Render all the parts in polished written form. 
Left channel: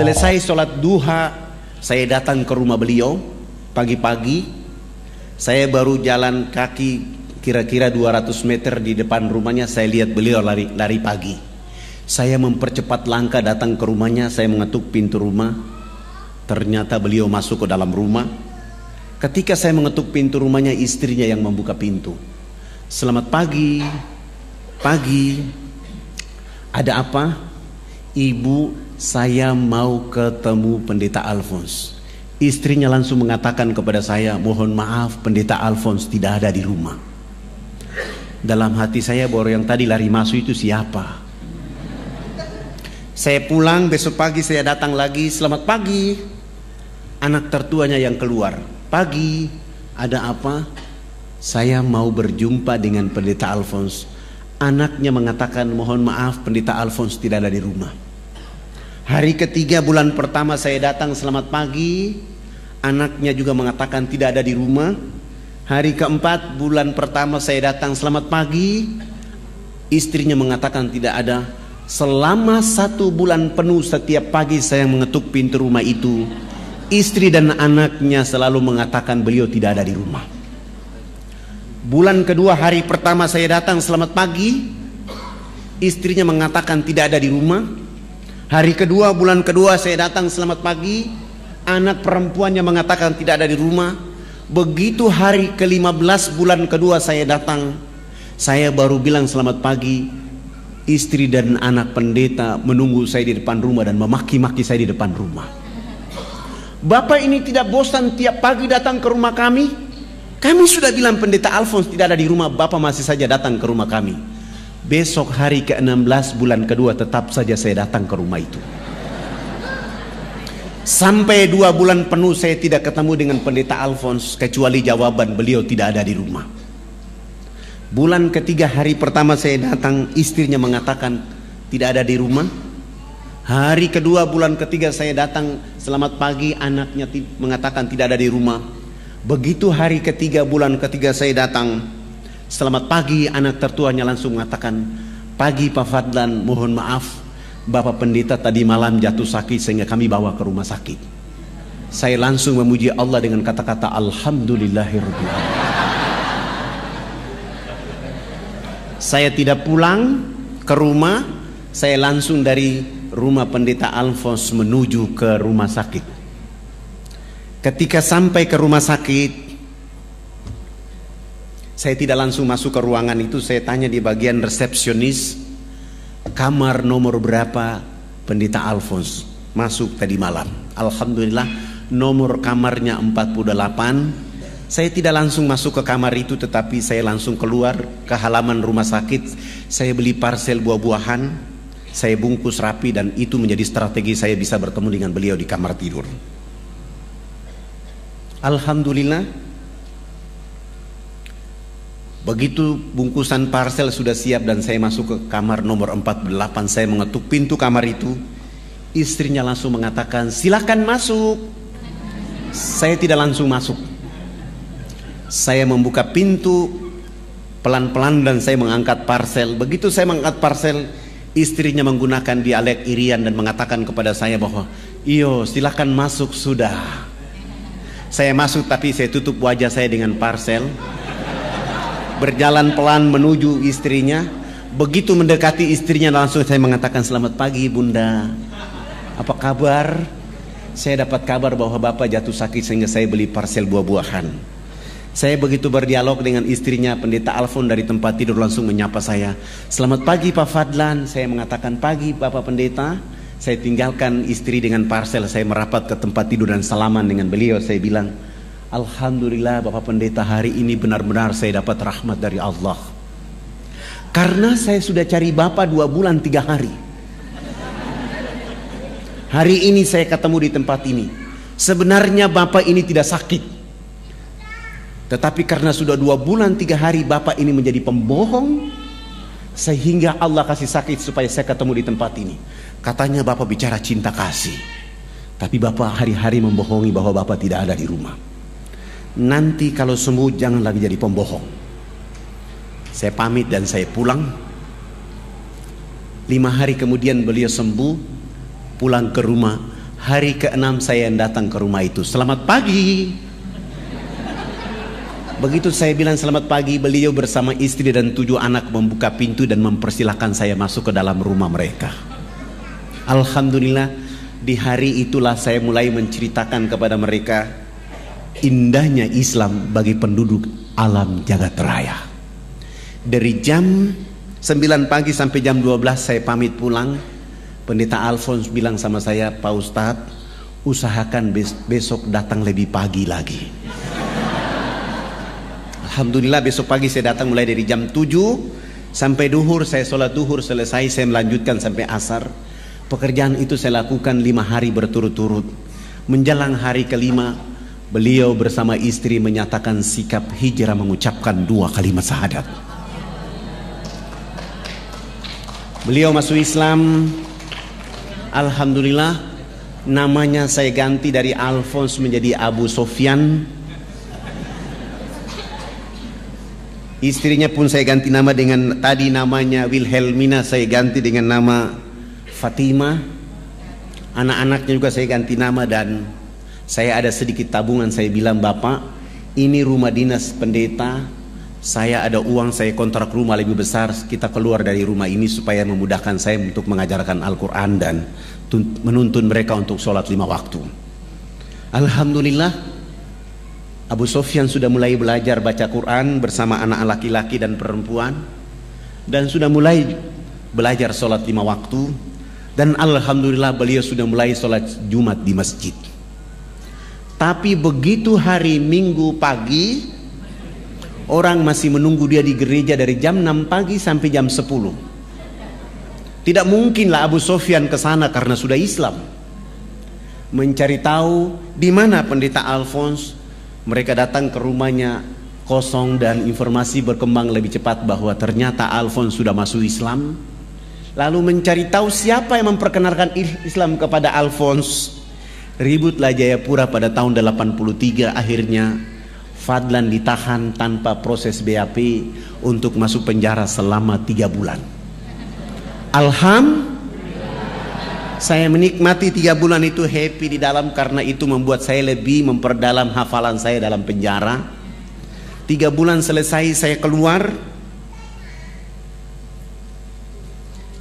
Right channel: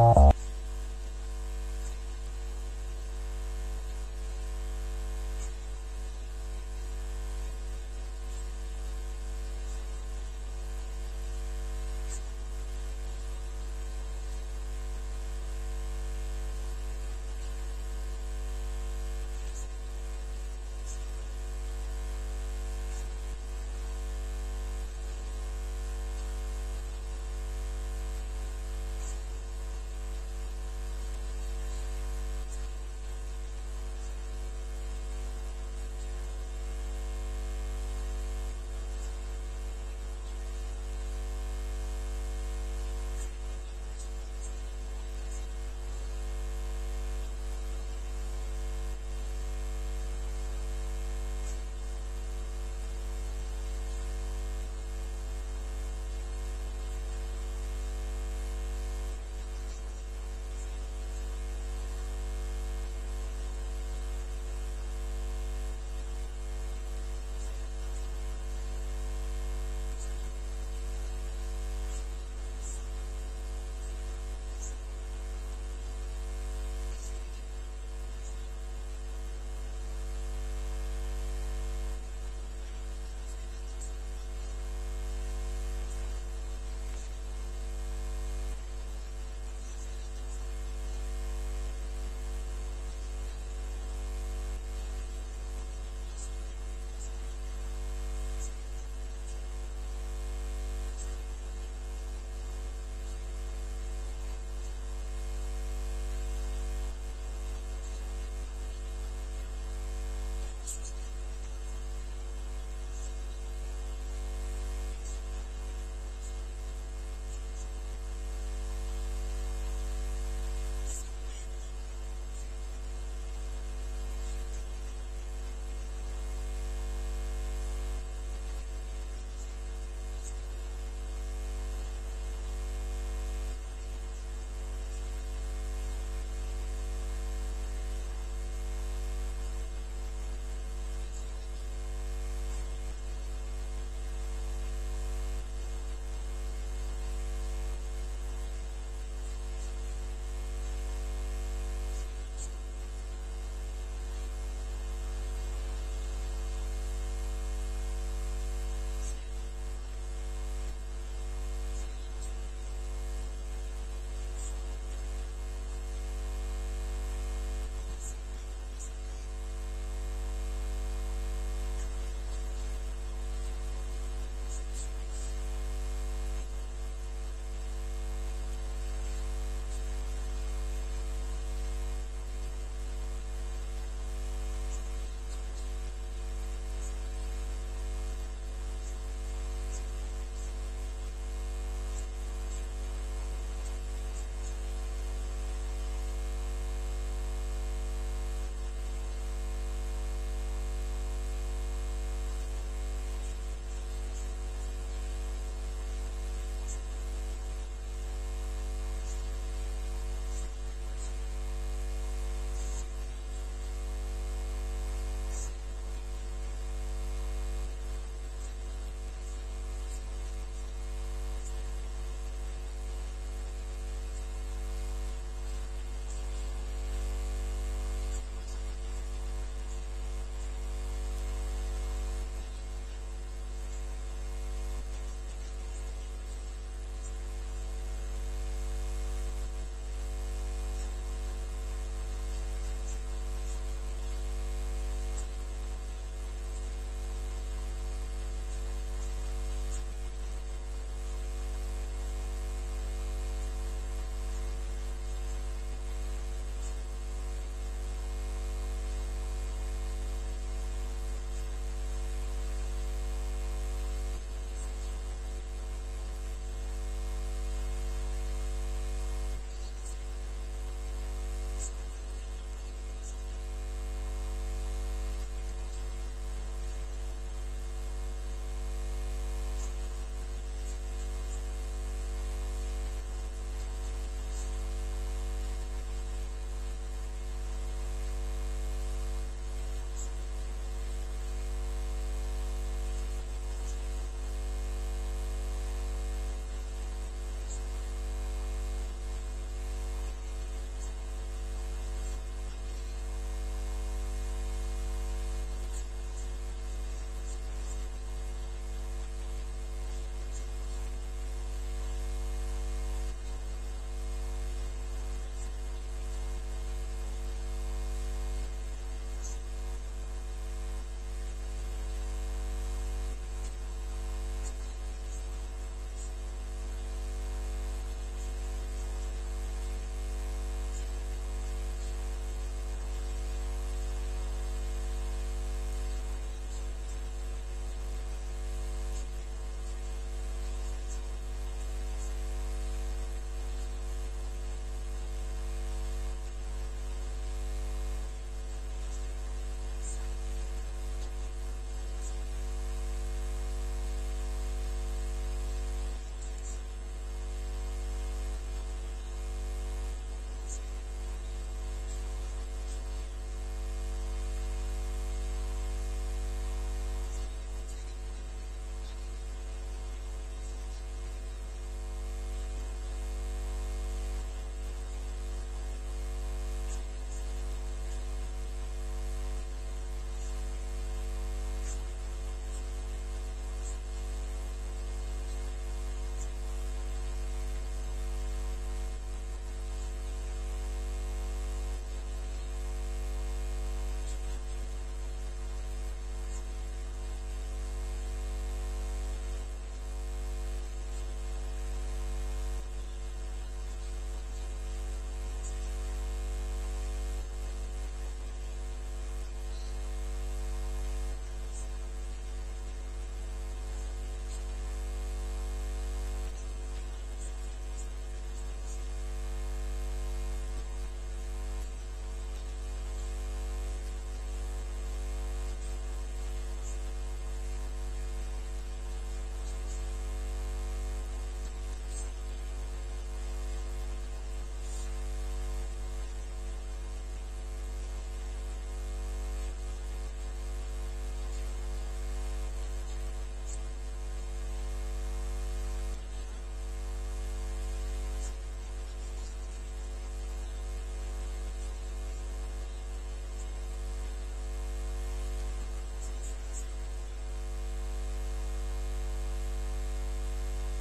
Selesai sholat duha, saya datang ke rumah beliau pagi-pagi. Saya baru jalan kaki kira-kira 200 meter di depan rumahnya. Saya lihat beliau lari pagi. Saya mempercepat langkah datang ke rumahnya. Saya mengetuk pintu rumah. Ternyata beliau masuk ke dalam rumah. Ketika saya mengetuk pintu rumahnya, istrinya yang membuka pintu. Selamat pagi. Pagi. Ada apa? Ibu, saya mau ketemu Pendeta Alphonse. Istrinya langsung mengatakan kepada saya, mohon maaf Pendeta Alphonse tidak ada di rumah. Dalam hati saya, baru yang tadi lari masuk itu siapa? Saya pulang, besok pagi saya datang lagi. Selamat pagi. Anak tertuanya yang keluar. Pagi, ada apa? Saya mau berjumpa dengan Pendeta Alphonse. Anaknya mengatakan, mohon maaf Pendeta Alphonse tidak ada di rumah. Hari ketiga bulan pertama saya datang, selamat pagi. Anaknya juga mengatakan tidak ada di rumah. Hari keempat bulan pertama saya datang, selamat pagi. Istrinya mengatakan tidak ada. Selama 1 bulan penuh setiap pagi saya mengetuk pintu rumah itu, istri dan anaknya selalu mengatakan beliau tidak ada di rumah. Bulan kedua hari pertama saya datang, selamat pagi. Istrinya mengatakan tidak ada di rumah. Hari kedua bulan kedua saya datang, selamat pagi. Anak perempuannya mengatakan tidak ada di rumah. Begitu hari ke-15 bulan kedua saya datang, saya baru bilang selamat pagi. Istri dan anak pendeta menunggu saya di depan rumah dan memaki-maki saya di depan rumah. Bapak ini tidak bosan tiap pagi datang ke rumah kami? Kami sudah bilang Pendeta Alphonse tidak ada di rumah, Bapak masih saja datang ke rumah kami. Besok hari ke-16 bulan kedua tetap saja saya datang ke rumah itu. Sampai 2 bulan penuh saya tidak ketemu dengan Pendeta Alphonse, kecuali jawaban beliau tidak ada di rumah. Bulan ketiga hari pertama saya datang, istrinya mengatakan tidak ada di rumah. Hari kedua bulan ketiga saya datang, selamat pagi, anaknya mengatakan tidak ada di rumah. Begitu hari ketiga bulan ketiga saya datang, selamat pagi, anak tertuanya langsung mengatakan, pagi Pak Fadlan, mohon maaf Bapak Pendeta tadi malam jatuh sakit sehingga kami bawa ke rumah sakit. Saya langsung memuji Allah dengan kata-kata Alhamdulillahirabbil alamin. Saya tidak pulang ke rumah, saya langsung dari rumah Pendeta Alphonse menuju ke rumah sakit. Ketika sampai ke rumah sakit, saya tidak langsung masuk ke ruangan itu. Saya tanya di bagian resepsionis, kamar nomor berapa Pendeta Alphonse masuk tadi malam. Alhamdulillah nomor kamarnya 48. Saya tidak langsung masuk ke kamar itu, tetapi saya langsung keluar ke halaman rumah sakit. Saya beli parsel buah-buahan, saya bungkus rapi, dan itu menjadi strategi saya bisa bertemu dengan beliau di kamar tidur. Alhamdulillah, begitu bungkusan parsel sudah siap dan saya masuk ke kamar nomor 48, saya mengetuk pintu kamar itu. Istrinya langsung mengatakan, silakan masuk. Saya tidak langsung masuk. Saya membuka pintu pelan-pelan dan saya mengangkat parsel. Begitu saya mengangkat parsel, istrinya menggunakan dialek Irian dan mengatakan kepada saya bahwa, iyo silakan masuk sudah. Saya masuk tapi saya tutup wajah saya dengan parsel. Berjalan pelan menuju istrinya. Begitu mendekati istrinya langsung saya mengatakan, selamat pagi Bunda, apa kabar? Saya dapat kabar bahwa Bapak jatuh sakit sehingga saya beli parsel buah-buahan. Saya begitu berdialog dengan istrinya, Pendeta Alphonse dari tempat tidur langsung menyapa saya, selamat pagi Pak Fadlan. Saya mengatakan pagi Bapak Pendeta. Saya tinggalkan istri dengan parsel, saya merapat ke tempat tidur dan salaman dengan beliau. Saya bilang, Alhamdulillah Bapak Pendeta, hari ini benar-benar saya dapat rahmat dari Allah. Karena saya sudah cari Bapak 2 bulan 3 hari. Hari ini saya ketemu di tempat ini. Sebenarnya Bapak ini tidak sakit, tetapi karena sudah 2 bulan 3 hari Bapak ini menjadi pembohong, sehingga Allah kasih sakit supaya saya ketemu di tempat ini. Katanya Bapak bicara cinta kasih, tapi Bapak hari-hari membohongi bahwa Bapak tidak ada di rumah. Nanti kalau sembuh jangan lagi jadi pembohong. Saya pamit dan saya pulang. 5 hari kemudian beliau sembuh, pulang ke rumah. Hari ke-6 saya yang datang ke rumah itu. Selamat pagi. Begitu saya bilang selamat pagi, beliau bersama istri dan 7 anak membuka pintu dan mempersilahkan saya masuk ke dalam rumah mereka. Alhamdulillah, di hari itulah saya mulai menceritakan kepada mereka indahnya Islam bagi penduduk alam jagat raya. Dari jam 9 pagi sampai jam 12 saya pamit pulang. Pendeta Alfons bilang sama saya, Pak Ustadz, usahakan besok datang lebih pagi lagi. Alhamdulillah besok pagi saya datang mulai dari jam 7 sampai duhur. Saya sholat duhur selesai, saya melanjutkan sampai asar. Pekerjaan itu saya lakukan 5 hari berturut-turut. Menjelang hari ke-5, beliau bersama istri menyatakan sikap hijrah, mengucapkan 2 kalimat syahadat. Beliau masuk Islam. Alhamdulillah, namanya saya ganti dari Alfons menjadi Abu Sofyan. Istrinya pun saya ganti nama dengan, tadi namanya Wilhelmina, saya ganti dengan nama Fatima. Anak-anaknya juga saya ganti nama, dan saya ada sedikit tabungan. Saya bilang, Bapak, ini rumah dinas pendeta, saya ada uang, saya kontrak rumah lebih besar, kita keluar dari rumah ini supaya memudahkan saya untuk mengajarkan Al-Quran dan menuntun mereka untuk sholat 5 waktu. Alhamdulillah, Abu Sofyan sudah mulai belajar baca Quran bersama anak laki-laki dan perempuan, dan sudah mulai belajar sholat 5 waktu. Dan alhamdulillah beliau sudah mulai sholat Jumat di masjid. Tapi begitu hari Minggu pagi, orang masih menunggu dia di gereja dari jam 6 pagi sampai jam 10. Tidak mungkinlah Abu Sofyan ke sana karena sudah Islam. Mencari tahu di mana pendeta Alfons. Mereka datang ke rumahnya kosong, dan informasi berkembang lebih cepat bahwa ternyata Alfons sudah masuk Islam. Lalu mencari tahu siapa yang memperkenalkan Islam kepada Alfons. Ributlah Jayapura pada tahun 83. Akhirnya Fadlan ditahan tanpa proses BAP untuk masuk penjara selama 3 bulan. Saya menikmati 3 bulan itu, happy di dalam, karena itu membuat saya lebih memperdalam hafalan saya dalam penjara. 3 bulan selesai, saya keluar.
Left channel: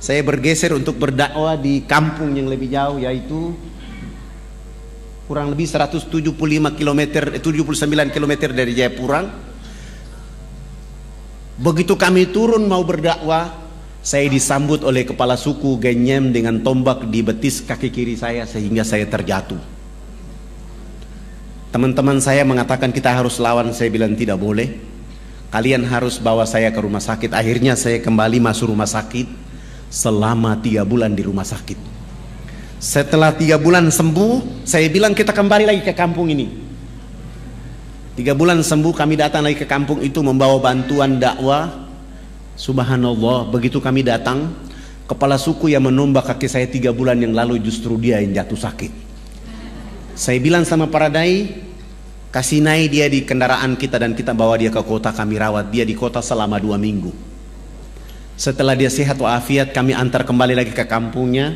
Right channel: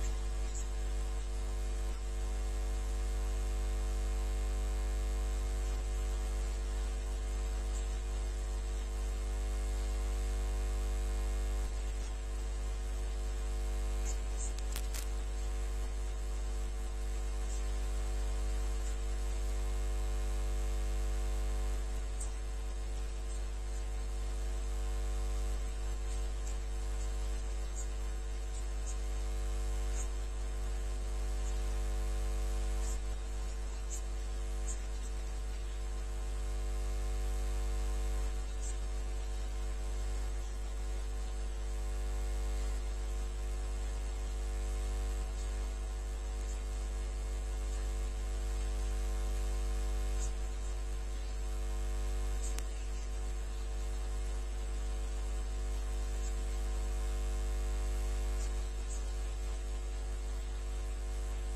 Saya bergeser untuk berdakwah di kampung yang lebih jauh, yaitu kurang lebih 175 km, 79 km dari Jayapura. Begitu kami turun mau berdakwah, saya disambut oleh kepala suku Genyem dengan tombak di betis kaki kiri saya sehingga saya terjatuh. Teman-teman saya mengatakan kita harus lawan. Saya bilang tidak boleh, kalian harus bawa saya ke rumah sakit. Akhirnya saya kembali masuk rumah sakit. Selama 3 bulan di rumah sakit. Setelah 3 bulan sembuh, saya bilang kita kembali lagi ke kampung ini. 3 bulan sembuh, kami datang lagi ke kampung itu membawa bantuan dakwah. Subhanallah, begitu kami datang, kepala suku yang menombak kaki saya 3 bulan yang lalu justru dia yang jatuh sakit. Saya bilang sama para dai, kasih naik dia di kendaraan kita dan kita bawa dia ke kota, kami rawat dia di kota selama 2 minggu. Setelah dia sehat walafiat, kami antar kembali lagi ke kampungnya.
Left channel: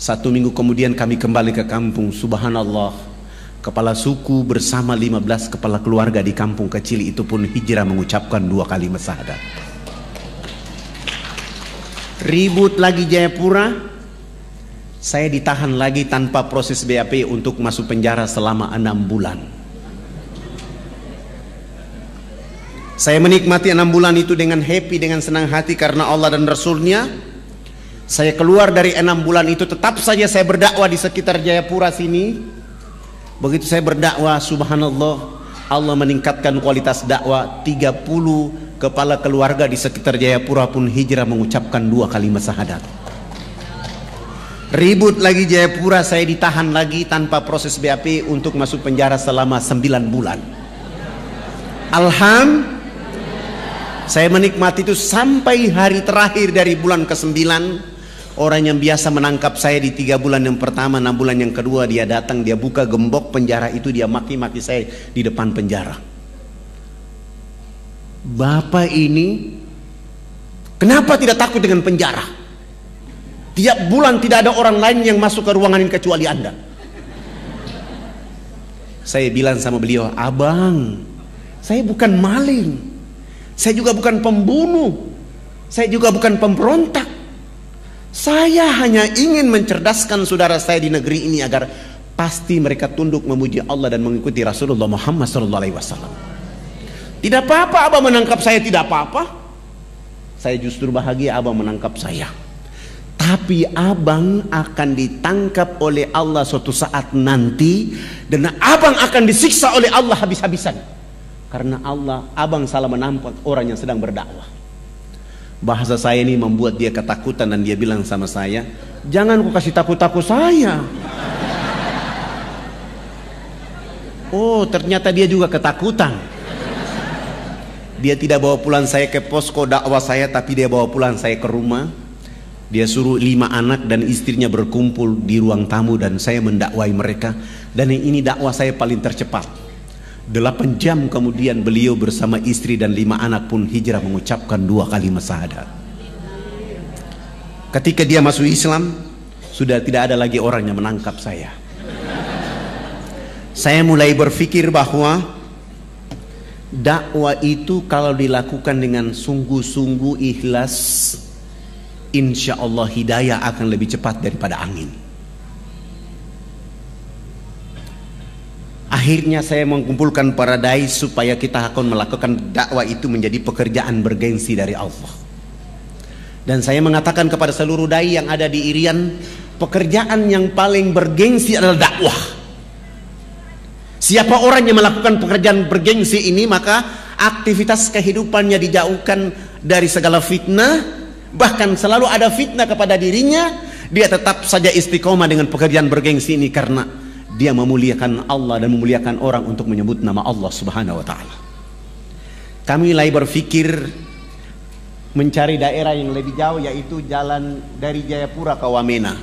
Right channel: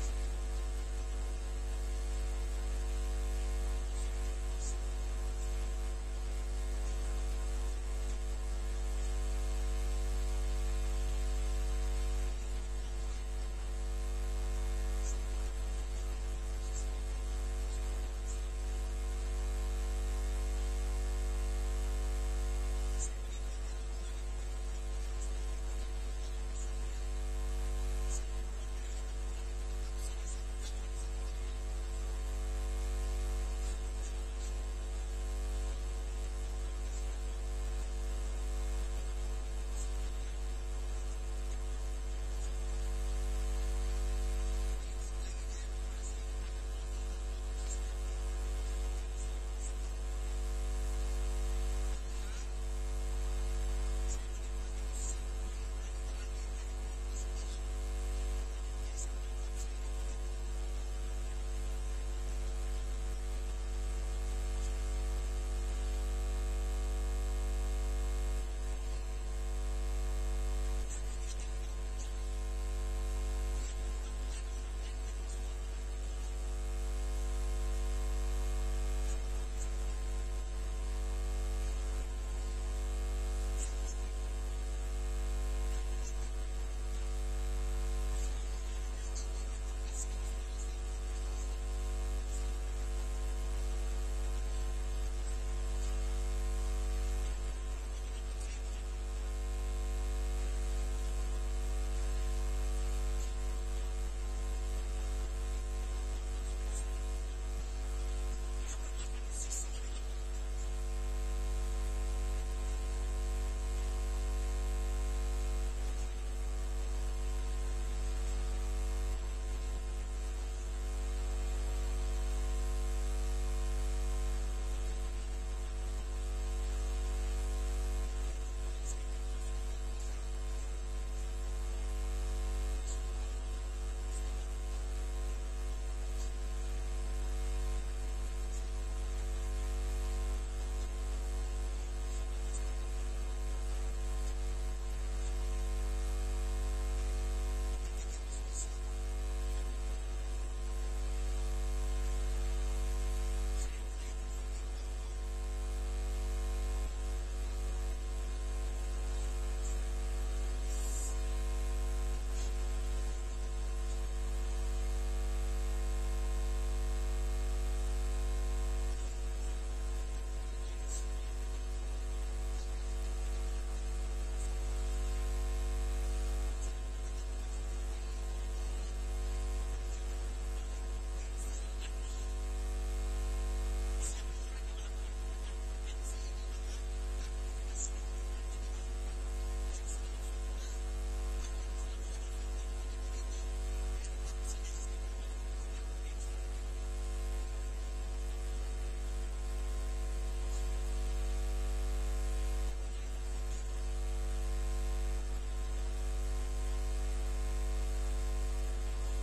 1 minggu kemudian kami kembali ke kampung. Subhanallah, kepala suku bersama 15 kepala keluarga di kampung kecil itu pun hijrah mengucapkan 2 kalimat syahadat. Ribut lagi Jayapura, saya ditahan lagi tanpa proses BAP untuk masuk penjara selama 6 bulan. Saya menikmati 6 bulan itu dengan happy, dengan senang hati karena Allah dan Rasulnya. Saya keluar dari 6 bulan itu, tetap saja saya berdakwah di sekitar Jayapura sini. Begitu saya berdakwah, subhanallah, Allah meningkatkan kualitas dakwah. 30 kepala keluarga di sekitar Jayapura pun hijrah mengucapkan 2 kalimat syahadat. Ribut lagi Jayapura, saya ditahan lagi tanpa proses BAP untuk masuk penjara selama 9 bulan. Saya menikmati itu sampai hari terakhir dari bulan ke-9. Orang yang biasa menangkap saya di 3 bulan yang pertama, 6 bulan yang kedua, dia datang, dia buka gembok penjara itu, dia maki-maki saya di depan penjara. Bapak ini kenapa tidak takut dengan penjara? Tiap bulan tidak ada orang lain yang masuk ke ruangan ini kecuali Anda. Saya bilang sama beliau, abang, saya bukan maling, saya juga bukan pembunuh, saya juga bukan pemberontak. Saya hanya ingin mencerdaskan saudara saya di negeri ini agar pasti mereka tunduk memuji Allah dan mengikuti Rasulullah Muhammad SAW. Tidak apa-apa abang menangkap saya, tidak apa-apa. Saya justru bahagia abang menangkap saya. Tapi abang akan ditangkap oleh Allah suatu saat nanti, dan abang akan disiksa oleh Allah habis-habisan. Karena abang salah menampak orang yang sedang berdakwah. Bahasa saya ini membuat dia ketakutan dan dia bilang sama saya, jangan kau kasih takut-takut saya. Oh, ternyata dia juga ketakutan. Dia tidak bawa pulang saya ke posko dakwah saya, tapi dia bawa pulang saya ke rumah. Dia suruh 5 anak dan istrinya berkumpul di ruang tamu dan saya mendakwai mereka. Dan ini dakwah saya paling tercepat. 8 jam kemudian beliau bersama istri dan 5 anak pun hijrah mengucapkan 2 kalimat syahadat. Ketika dia masuk Islam, sudah tidak ada lagi orang yang menangkap saya. Saya mulai berpikir bahwa dakwah itu kalau dilakukan dengan sungguh-sungguh ikhlas, insya Allah hidayah akan lebih cepat daripada angin. Akhirnya saya mengumpulkan para dai supaya kita akan melakukan dakwah itu menjadi pekerjaan bergengsi dari Allah. Dan saya mengatakan kepada seluruh dai yang ada di Irian, pekerjaan yang paling bergengsi adalah dakwah. Siapa orang yang melakukan pekerjaan bergengsi ini, maka aktivitas kehidupannya dijauhkan dari segala fitnah. Bahkan selalu ada fitnah kepada dirinya, dia tetap saja istiqomah dengan pekerjaan bergengsi ini karena dia memuliakan Allah dan memuliakan orang untuk menyebut nama Allah Subhanahu wa ta'ala. Kami mulai berpikir mencari daerah yang lebih jauh, yaitu jalan dari Jayapura ke Wamena.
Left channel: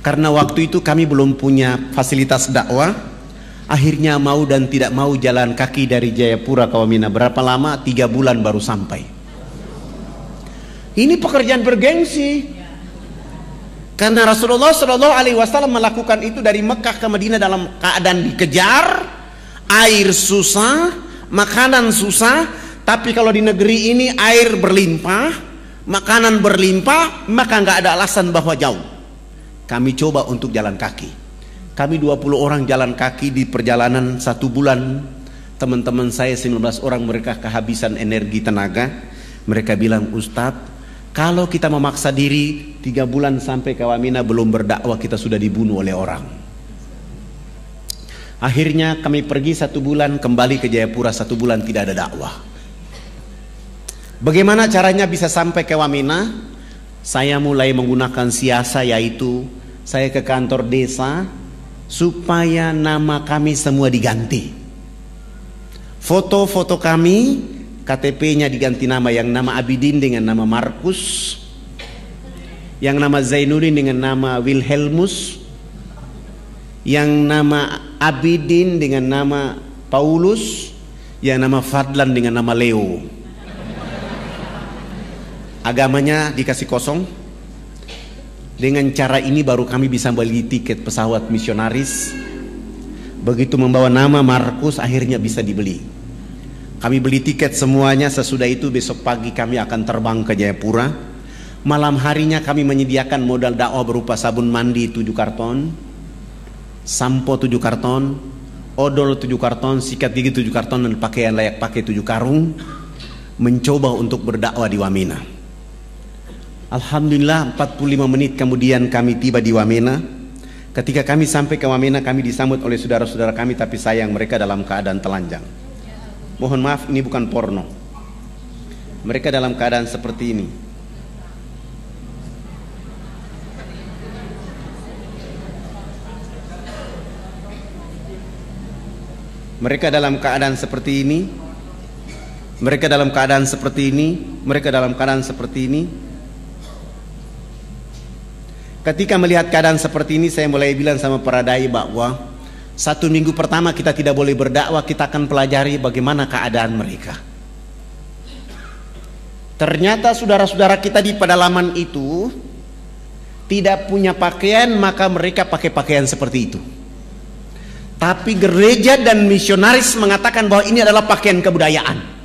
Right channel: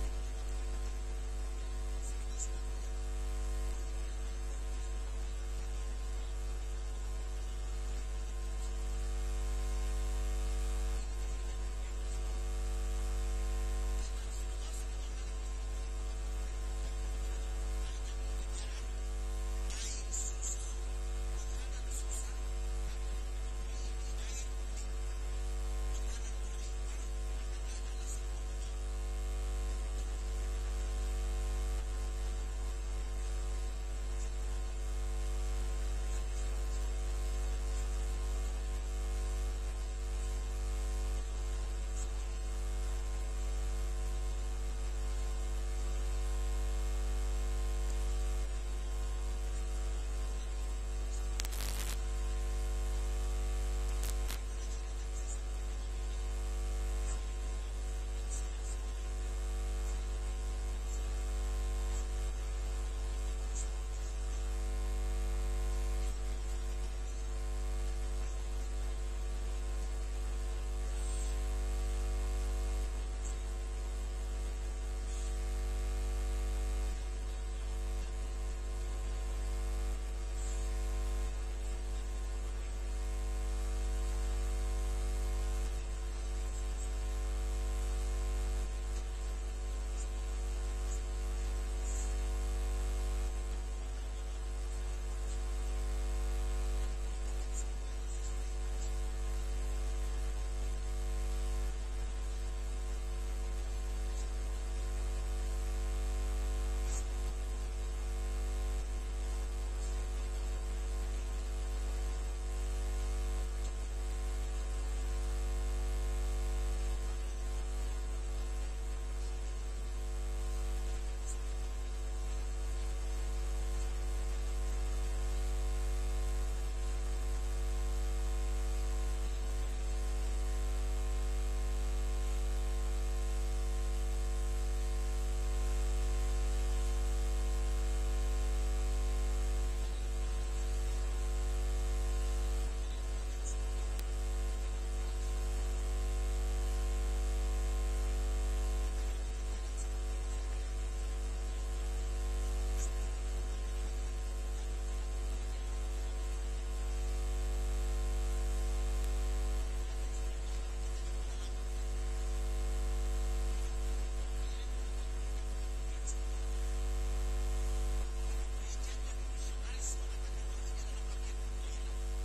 Karena waktu itu kami belum punya fasilitas dakwah. Akhirnya mau dan tidak mau jalan kaki dari Jayapura ke Wamena. Berapa lama? 3 bulan baru sampai. Ini pekerjaan bergengsi. Karena Rasulullah SAW melakukan itu dari Mekah ke Madinah dalam keadaan dikejar, air susah, makanan susah. Tapi kalau di negeri ini air berlimpah, makanan berlimpah, maka nggak ada alasan bahwa jauh. Kami coba untuk jalan kaki. Kami 20 orang jalan kaki di perjalanan 1 bulan. Teman-teman saya 19 orang, mereka kehabisan energi tenaga. Mereka bilang, Ustadz, kalau kita memaksa diri 3 bulan sampai ke Wamena belum berdakwah, kita sudah dibunuh oleh orang. Akhirnya kami pergi 1 bulan, kembali ke Jayapura 1 bulan, tidak ada dakwah. Bagaimana caranya bisa sampai ke Wamena? Saya mulai menggunakan siasa, yaitu saya ke kantor desa supaya nama kami semua diganti. Foto-foto kami, KTP-nya diganti nama, yang nama Abidin dengan nama Markus, yang nama Zainuddin dengan nama Wilhelmus, yang nama Abidin dengan nama Paulus, yang nama Fadlan dengan nama Leo. Agamanya dikasih kosong. Dengan cara ini baru kami bisa beli tiket pesawat misionaris. Begitu membawa nama Markus, akhirnya bisa dibeli. Kami beli tiket semuanya. Sesudah itu besok pagi kami akan terbang ke Jayapura. Malam harinya kami menyediakan modal dakwah berupa sabun mandi 7 karton, sampo 7 karton, odol 7 karton, sikat gigi 7 karton, dan pakaian layak pakai 7 karung. Mencoba untuk berdakwah di Wamena. Alhamdulillah 45 menit kemudian kami tiba di Wamena. Ketika kami sampai ke Wamena, kami disambut oleh saudara-saudara kami, tapi sayang mereka dalam keadaan telanjang. Mohon maaf, ini bukan porno. Mereka dalam keadaan seperti ini. Mereka dalam keadaan seperti ini. Mereka dalam keadaan seperti ini. Mereka dalam keadaan seperti ini. Ketika melihat keadaan seperti ini, saya mulai bilang sama para dai bahwa 1 minggu pertama kita tidak boleh berdakwah, kita akan pelajari bagaimana keadaan mereka. Ternyata saudara-saudara kita di pedalaman itu tidak punya pakaian, maka mereka pakai pakaian seperti itu. Tapi gereja dan misionaris mengatakan bahwa ini adalah pakaian kebudayaan.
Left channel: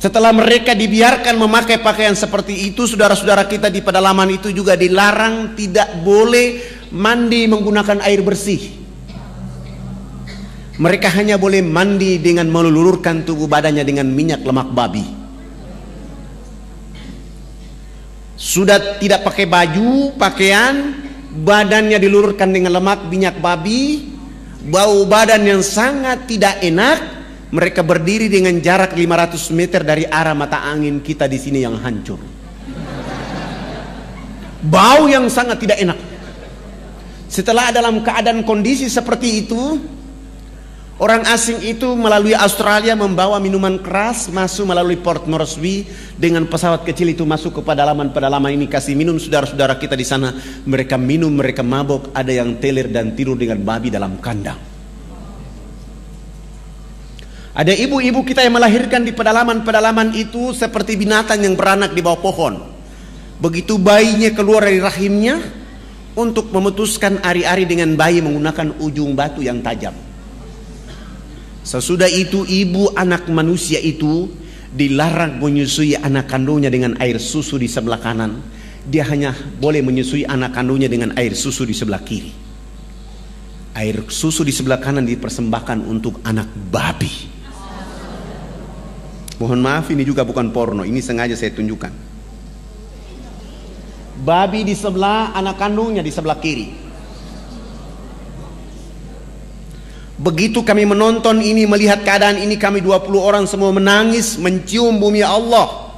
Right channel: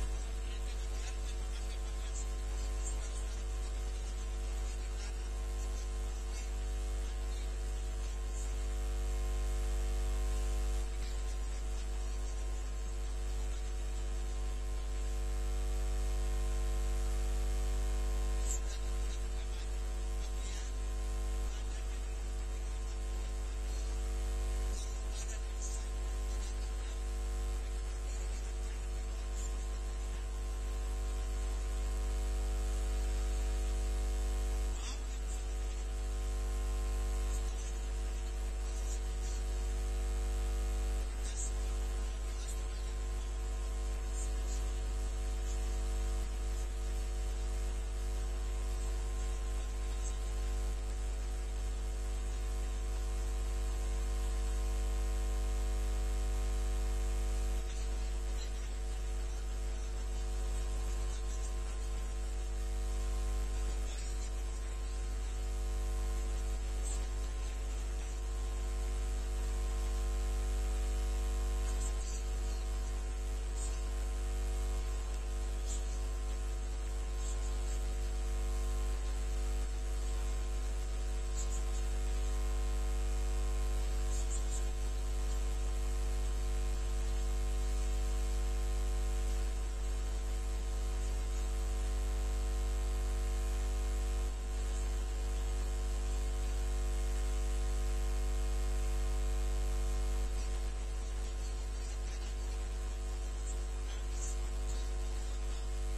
Setelah mereka dibiarkan memakai pakaian seperti itu, saudara-saudara kita di pedalaman itu juga dilarang tidak boleh mandi menggunakan air bersih. Mereka hanya boleh mandi dengan melulurkan tubuh badannya dengan minyak lemak babi. Sudah tidak pakai baju, pakaian, badannya dilulurkan dengan lemak minyak babi, bau badan yang sangat tidak enak. Mereka berdiri dengan jarak 500 meter dari arah mata angin kita di sini yang hancur. Bau yang sangat tidak enak. Setelah dalam keadaan kondisi seperti itu, orang asing itu melalui Australia membawa minuman keras masuk melalui Port Moresby dengan pesawat kecil itu masuk ke pedalaman ini, kasih minum saudara-saudara kita di sana. Mereka minum, mereka mabok, ada yang teler dan tidur dengan babi dalam kandang. Ada ibu-ibu kita yang melahirkan di pedalaman itu seperti binatang yang beranak di bawah pohon. Begitu bayinya keluar dari rahimnya, untuk memutuskan ari-ari dengan bayi menggunakan ujung batu yang tajam. Sesudah itu ibu anak manusia itu dilarang menyusui anak kandungnya dengan air susu di sebelah kanan. Dia hanya boleh menyusui anak kandungnya dengan air susu di sebelah kiri. Air susu di sebelah kanan dipersembahkan untuk anak babi. Mohon maaf, ini juga bukan porno, ini sengaja saya tunjukkan. Babi di sebelah, anak kandungnya di sebelah kiri. Begitu kami menonton ini, melihat keadaan ini, kami 20 orang semua menangis, mencium bumi Allah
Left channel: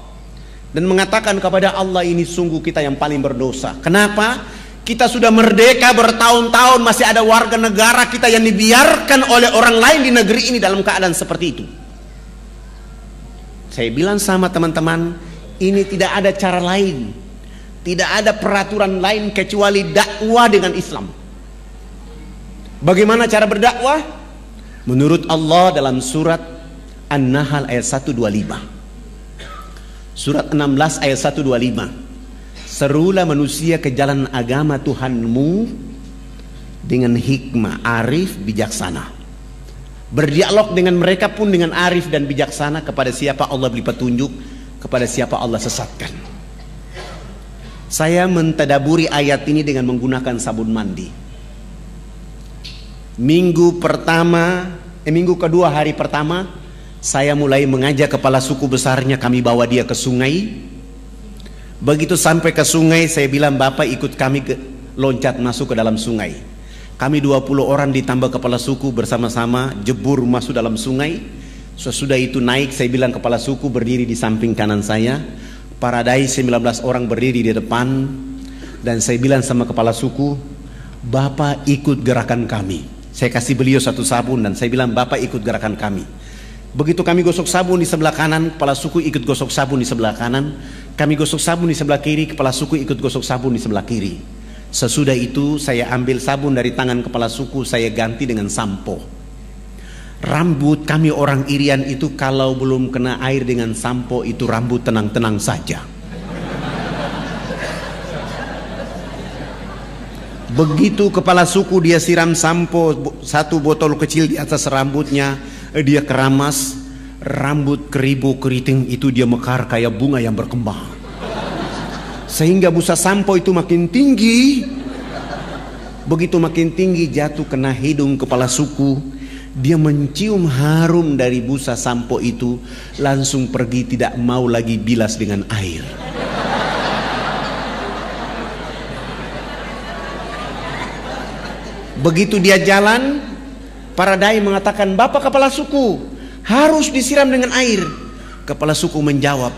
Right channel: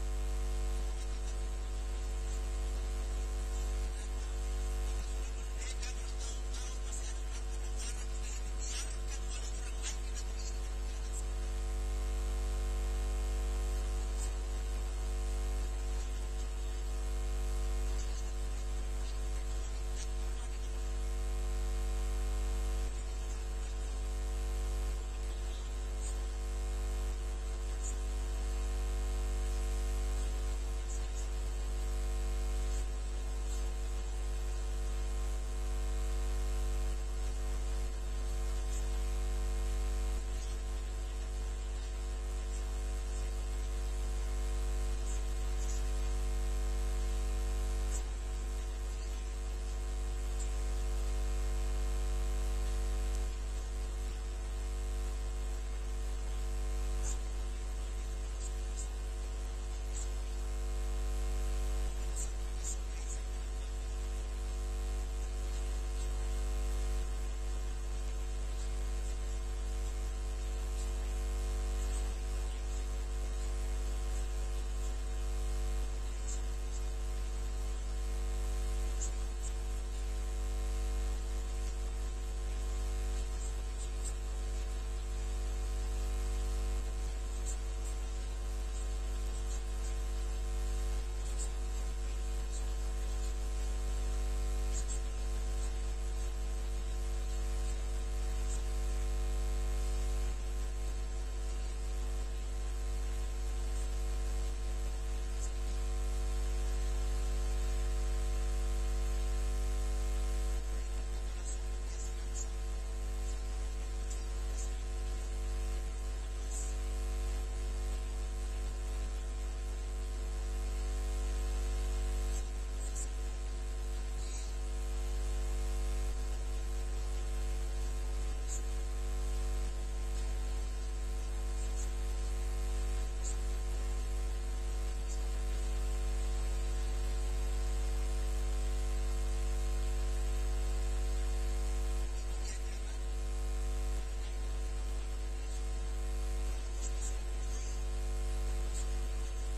dan mengatakan kepada Allah, ini sungguh kita yang paling berdosa. Kenapa? Kita sudah merdeka bertahun-tahun, masih ada warga negara kita yang dibiarkan oleh orang lain di negeri ini dalam keadaan seperti itu. Saya bilang sama teman-teman, ini tidak ada cara lain, tidak ada peraturan lain kecuali dakwah dengan Islam. Bagaimana cara berdakwah? Menurut Allah dalam surat An-Nahl ayat 125. Surat 16 ayat 125. Serulah manusia ke jalan agama Tuhanmu dengan hikmah, arif, bijaksana. Berdialog dengan mereka pun dengan arif dan bijaksana. Kepada siapa Allah beri petunjuk, kepada siapa Allah sesatkan. Saya mentadaburi ayat ini dengan menggunakan sabun mandi. Minggu kedua hari pertama, saya mulai mengajak kepala suku besarnya, kami bawa dia ke sungai. Begitu sampai ke sungai, saya bilang, Bapak ikut kami loncat masuk ke dalam sungai. Kami 20 orang ditambah kepala suku bersama-sama jebur masuk dalam sungai. Sesudah itu naik, saya bilang kepala suku berdiri di samping kanan saya, Paradai 19 orang berdiri di depan. Dan saya bilang sama kepala suku, Bapak ikut gerakan kami. Saya kasih beliau satu sabun dan saya bilang, Bapak ikut gerakan kami. Begitu kami gosok sabun di sebelah kanan, kepala suku ikut gosok sabun di sebelah kanan. Kami gosok sabun di sebelah kiri, kepala suku ikut gosok sabun di sebelah kiri. Sesudah itu saya ambil sabun dari tangan kepala suku, saya ganti dengan sampo. Rambut kami orang Irian itu kalau belum kena air dengan sampo itu rambut tenang-tenang saja. Begitu kepala suku dia siram sampo, satu botol kecil di atas rambutnya, dia keramas, rambut keribu keriting itu dia mekar kayak bunga yang berkembang. Sehingga busa sampo itu makin tinggi. Begitu makin tinggi jatuh kena hidung kepala suku. Dia mencium harum dari busa sampo itu, langsung pergi, tidak mau lagi bilas dengan air. Begitu dia jalan, Paradai mengatakan, Bapak kepala suku, harus disiram dengan air. Kepala suku menjawab,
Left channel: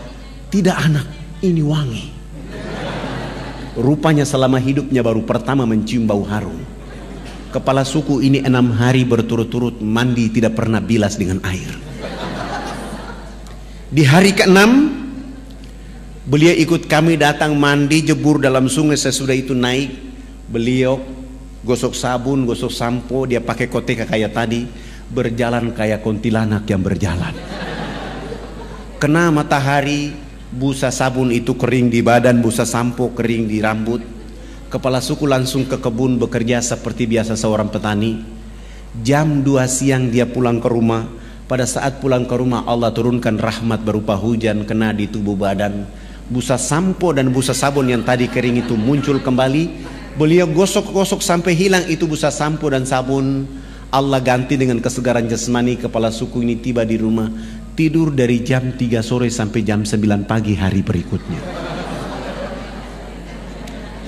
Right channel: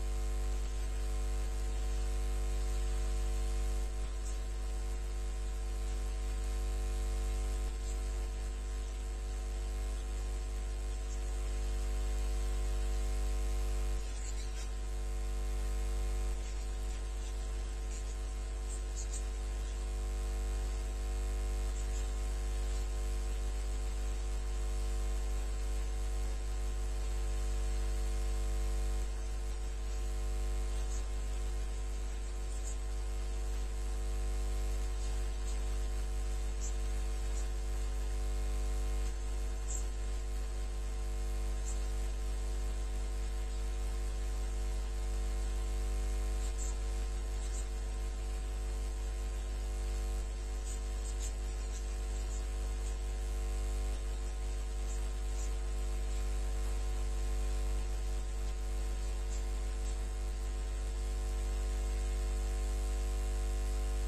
tidak anak, ini wangi. Rupanya selama hidupnya baru pertama mencium bau harum. Kepala suku ini 6 hari berturut-turut mandi tidak pernah bilas dengan air. Di hari ke-6 beliau ikut kami datang mandi jebur dalam sungai. Sesudah itu naik, beliau gosok sabun, gosok sampo, dia pakai koteka kayak tadi, berjalan kayak kuntilanak yang berjalan. Kena matahari, busa sabun itu kering di badan, busa sampo kering di rambut. Kepala suku langsung ke kebun bekerja seperti biasa seorang petani. Jam 2 siang dia pulang ke rumah. Pada saat pulang ke rumah Allah turunkan rahmat berupa hujan kena di tubuh badan. Busa sampo dan busa sabun yang tadi kering itu muncul kembali. Beliau gosok-gosok sampai hilang itu busa sampo dan sabun. Allah ganti dengan kesegaran jasmani. Kepala suku ini tiba di rumah, tidur dari jam 3 sore sampai jam 9 pagi hari berikutnya.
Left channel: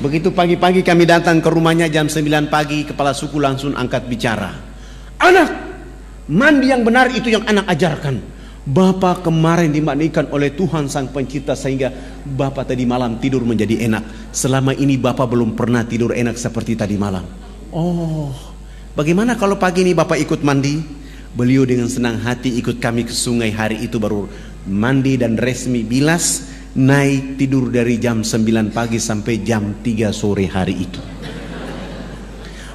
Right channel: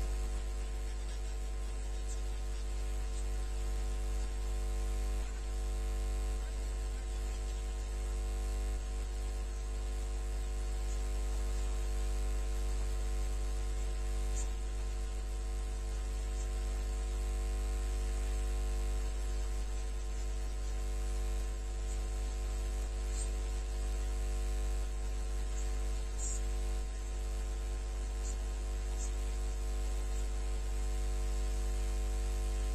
Begitu pagi-pagi kami datang ke rumahnya jam 9 pagi, kepala suku langsung angkat bicara. Anak, mandi yang benar itu yang anak ajarkan. Bapak kemarin dimandikan oleh Tuhan Sang Pencipta sehingga Bapak tadi malam tidur menjadi enak. Selama ini Bapak belum pernah tidur enak seperti tadi malam. Oh, bagaimana kalau pagi ini Bapak ikut mandi? Beliau dengan senang hati ikut kami ke sungai. Hari itu baru mandi dan resmi bilas, naik tidur dari jam 9 pagi sampai jam 3 sore hari itu.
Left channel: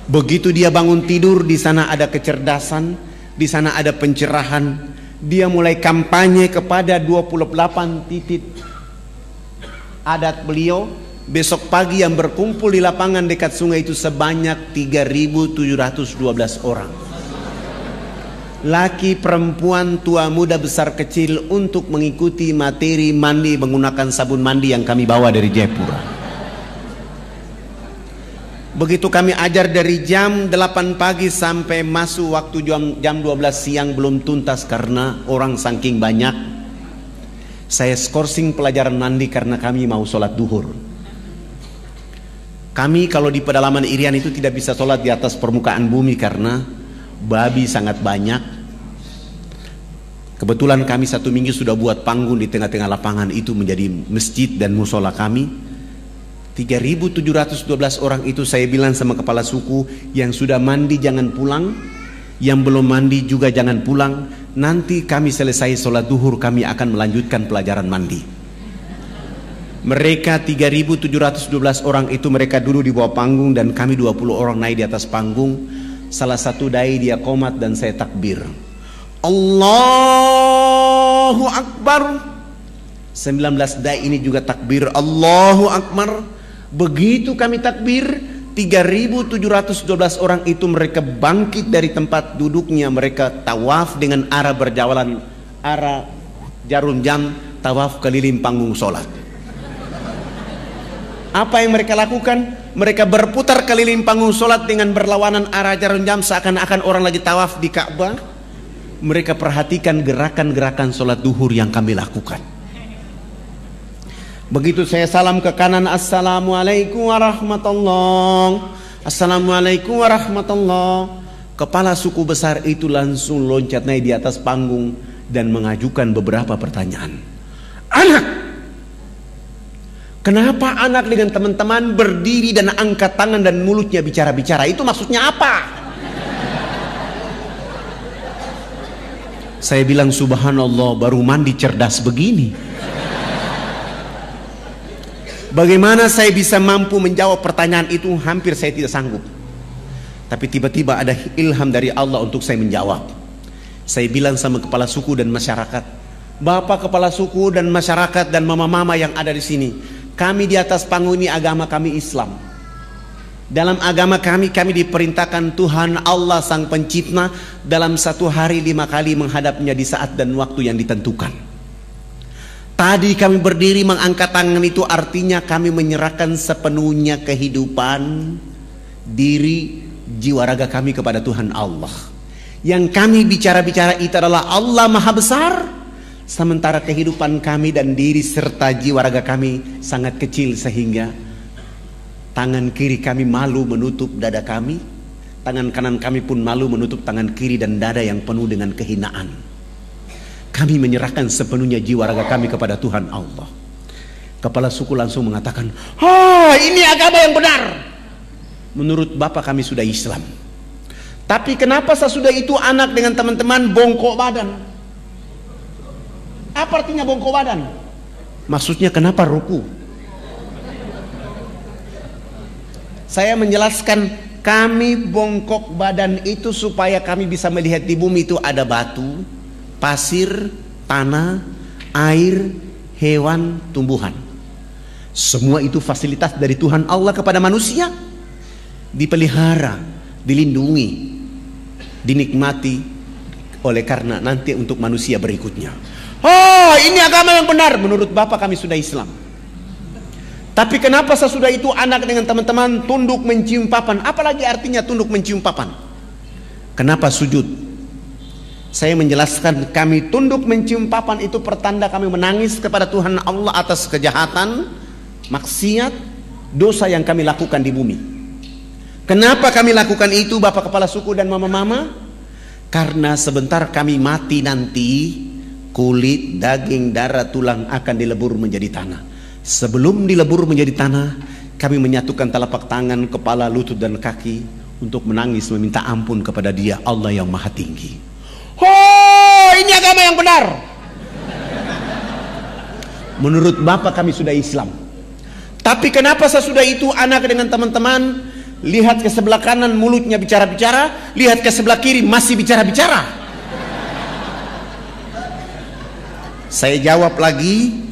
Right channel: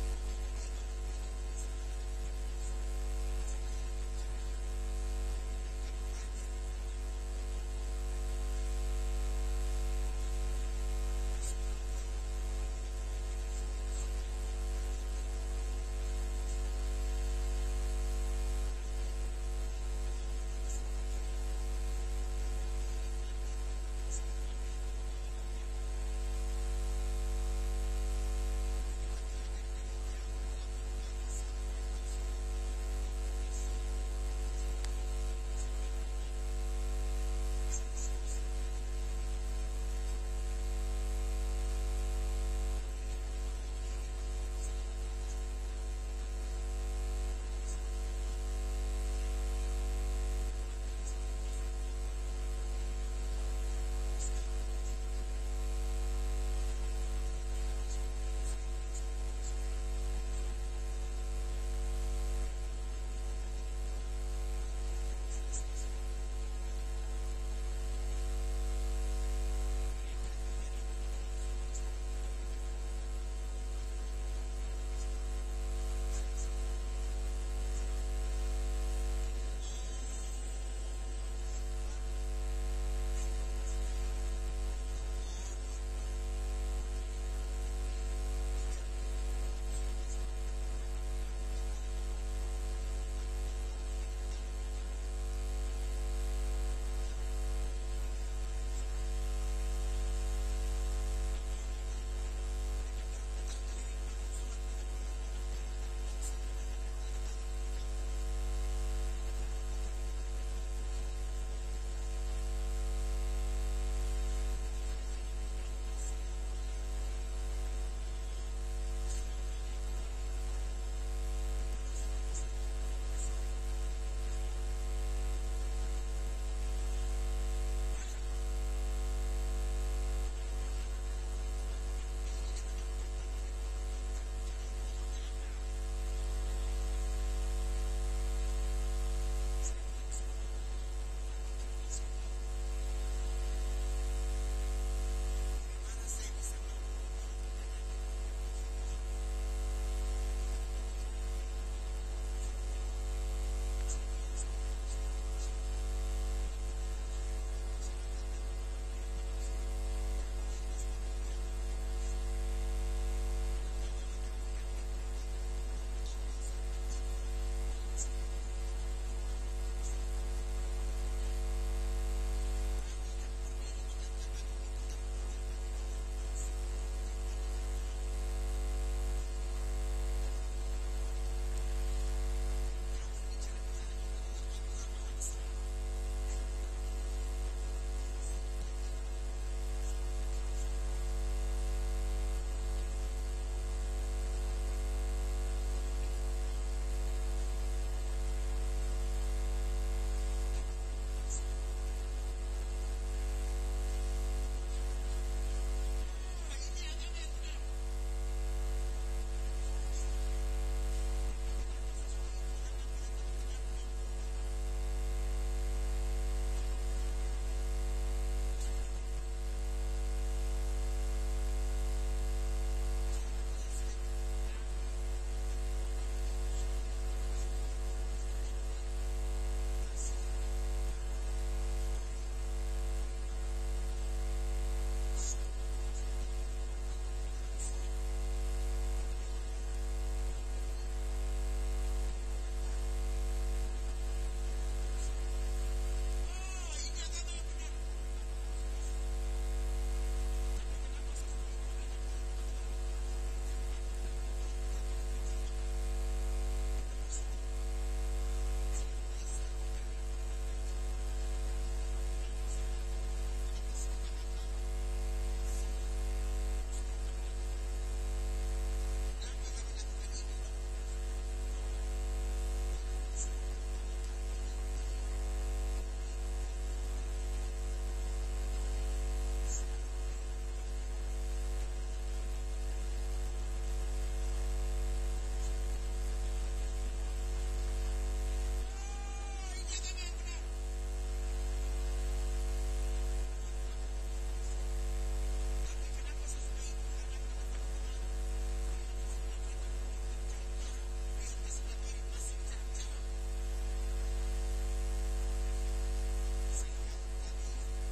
Begitu dia bangun tidur, di sana ada kecerdasan, di sana ada pencerahan. Dia mulai kampanye kepada 28 titik adat beliau. Besok pagi yang berkumpul di lapangan dekat sungai itu sebanyak 3.712 orang. Laki, perempuan, tua, muda, besar, kecil untuk mengikuti materi mandi menggunakan sabun mandi yang kami bawa dari Jayapura. Begitu kami ajar dari jam 8 pagi sampai masuk waktu jam 12 siang belum tuntas karena orang saking banyak. Saya skorsing pelajaran mandi karena kami mau sholat duhur. Kami kalau di pedalaman Irian itu tidak bisa sholat di atas permukaan bumi karena babi sangat banyak. Kebetulan kami 1 minggu sudah buat panggung di tengah-tengah lapangan itu menjadi masjid dan musola kami. 3.712 orang itu saya bilang sama kepala suku, yang sudah mandi jangan pulang, yang belum mandi juga jangan pulang. Nanti kami selesai sholat duhur kami akan melanjutkan pelajaran mandi. Mereka 3.712 orang itu mereka dulu di bawah panggung dan kami 20 orang naik di atas panggung. Salah satu dai dia qomat dan saya takbir. Allahu Akbar. 19 dai ini juga takbir Allahu Akbar. Begitu kami takbir, 3.712 orang itu mereka bangkit dari tempat duduknya, mereka tawaf dengan arah berjalan, arah jarum jam, tawaf keliling panggung sholat. Apa yang mereka lakukan? Mereka berputar keliling panggung sholat dengan berlawanan arah jarum jam seakan-akan orang lagi tawaf di Ka'bah. Mereka perhatikan gerakan-gerakan sholat duhur yang kami lakukan. Begitu saya salam ke kanan, Assalamualaikum warahmatullahi, Assalamualaikum warahmatullahi. Kepala suku besar itu langsung loncat naik di atas panggung dan mengajukan beberapa pertanyaan. Anak, kenapa anak dengan teman-teman berdiri dan angkat tangan dan mulutnya bicara-bicara? Itu maksudnya apa? Saya bilang subhanallah, baru mandi cerdas begini. Bagaimana saya bisa mampu menjawab pertanyaan itu? Hampir saya tidak sanggup. Tapi tiba-tiba ada ilham dari Allah untuk saya menjawab. Saya bilang sama kepala suku dan masyarakat, Bapak kepala suku dan masyarakat dan mama-mama yang ada di sini, kami di atas panggung ini agama kami Islam. Dalam agama kami diperintahkan Tuhan Allah Sang Pencipta dalam 1 hari 5 kali menghadapnya di saat dan waktu yang ditentukan. Tadi kami berdiri mengangkat tangan itu artinya kami menyerahkan sepenuhnya kehidupan, diri, jiwa raga kami kepada Tuhan Allah. Yang kami bicara-bicara itu adalah Allah Maha Besar, sementara kehidupan kami dan diri serta jiwa raga kami sangat kecil sehingga tangan kiri kami malu menutup dada kami, tangan kanan kami pun malu menutup tangan kiri dan dada yang penuh dengan kehinaan. Kami menyerahkan sepenuhnya jiwa raga kami kepada Tuhan Allah. Kepala suku langsung mengatakan, ini agama yang benar. Menurut Bapak kami sudah Islam. Tapi kenapa sesudah itu anak dengan teman-teman bongkok badan? Apa artinya bongkok badan? Maksudnya kenapa ruku? Saya menjelaskan, kami bongkok badan itu supaya kami bisa melihat di bumi itu ada batu, pasir, tanah, air, hewan, tumbuhan. Semua itu fasilitas dari Tuhan Allah kepada manusia, dipelihara, dilindungi, dinikmati oleh karena nanti untuk manusia berikutnya. Oh, ini agama yang benar. Menurut Bapak kami sudah Islam. Tapi kenapa sesudah itu anak dengan teman-teman tunduk mencium papan? Apalagi artinya tunduk mencium papan? Kenapa sujud? Saya menjelaskan, kami tunduk mencium papan itu pertanda kami menangis kepada Tuhan Allah atas kejahatan, maksiat, dosa yang kami lakukan di bumi. Kenapa kami lakukan itu Bapak Kepala Suku dan Mama-mama? Karena sebentar kami mati nanti, kulit, daging, darah, tulang akan dilebur menjadi tanah. Sebelum dilebur menjadi tanah, kami menyatukan telapak tangan, kepala, lutut dan kaki untuk menangis meminta ampun kepada Dia, Allah yang Maha Tinggi. Oh, ini agama yang benar. Menurut Bapak kami sudah Islam. Tapi kenapa sesudah itu anak dengan teman-teman lihat ke sebelah kanan mulutnya bicara-bicara, lihat ke sebelah kiri masih bicara-bicara? Saya jawab lagi,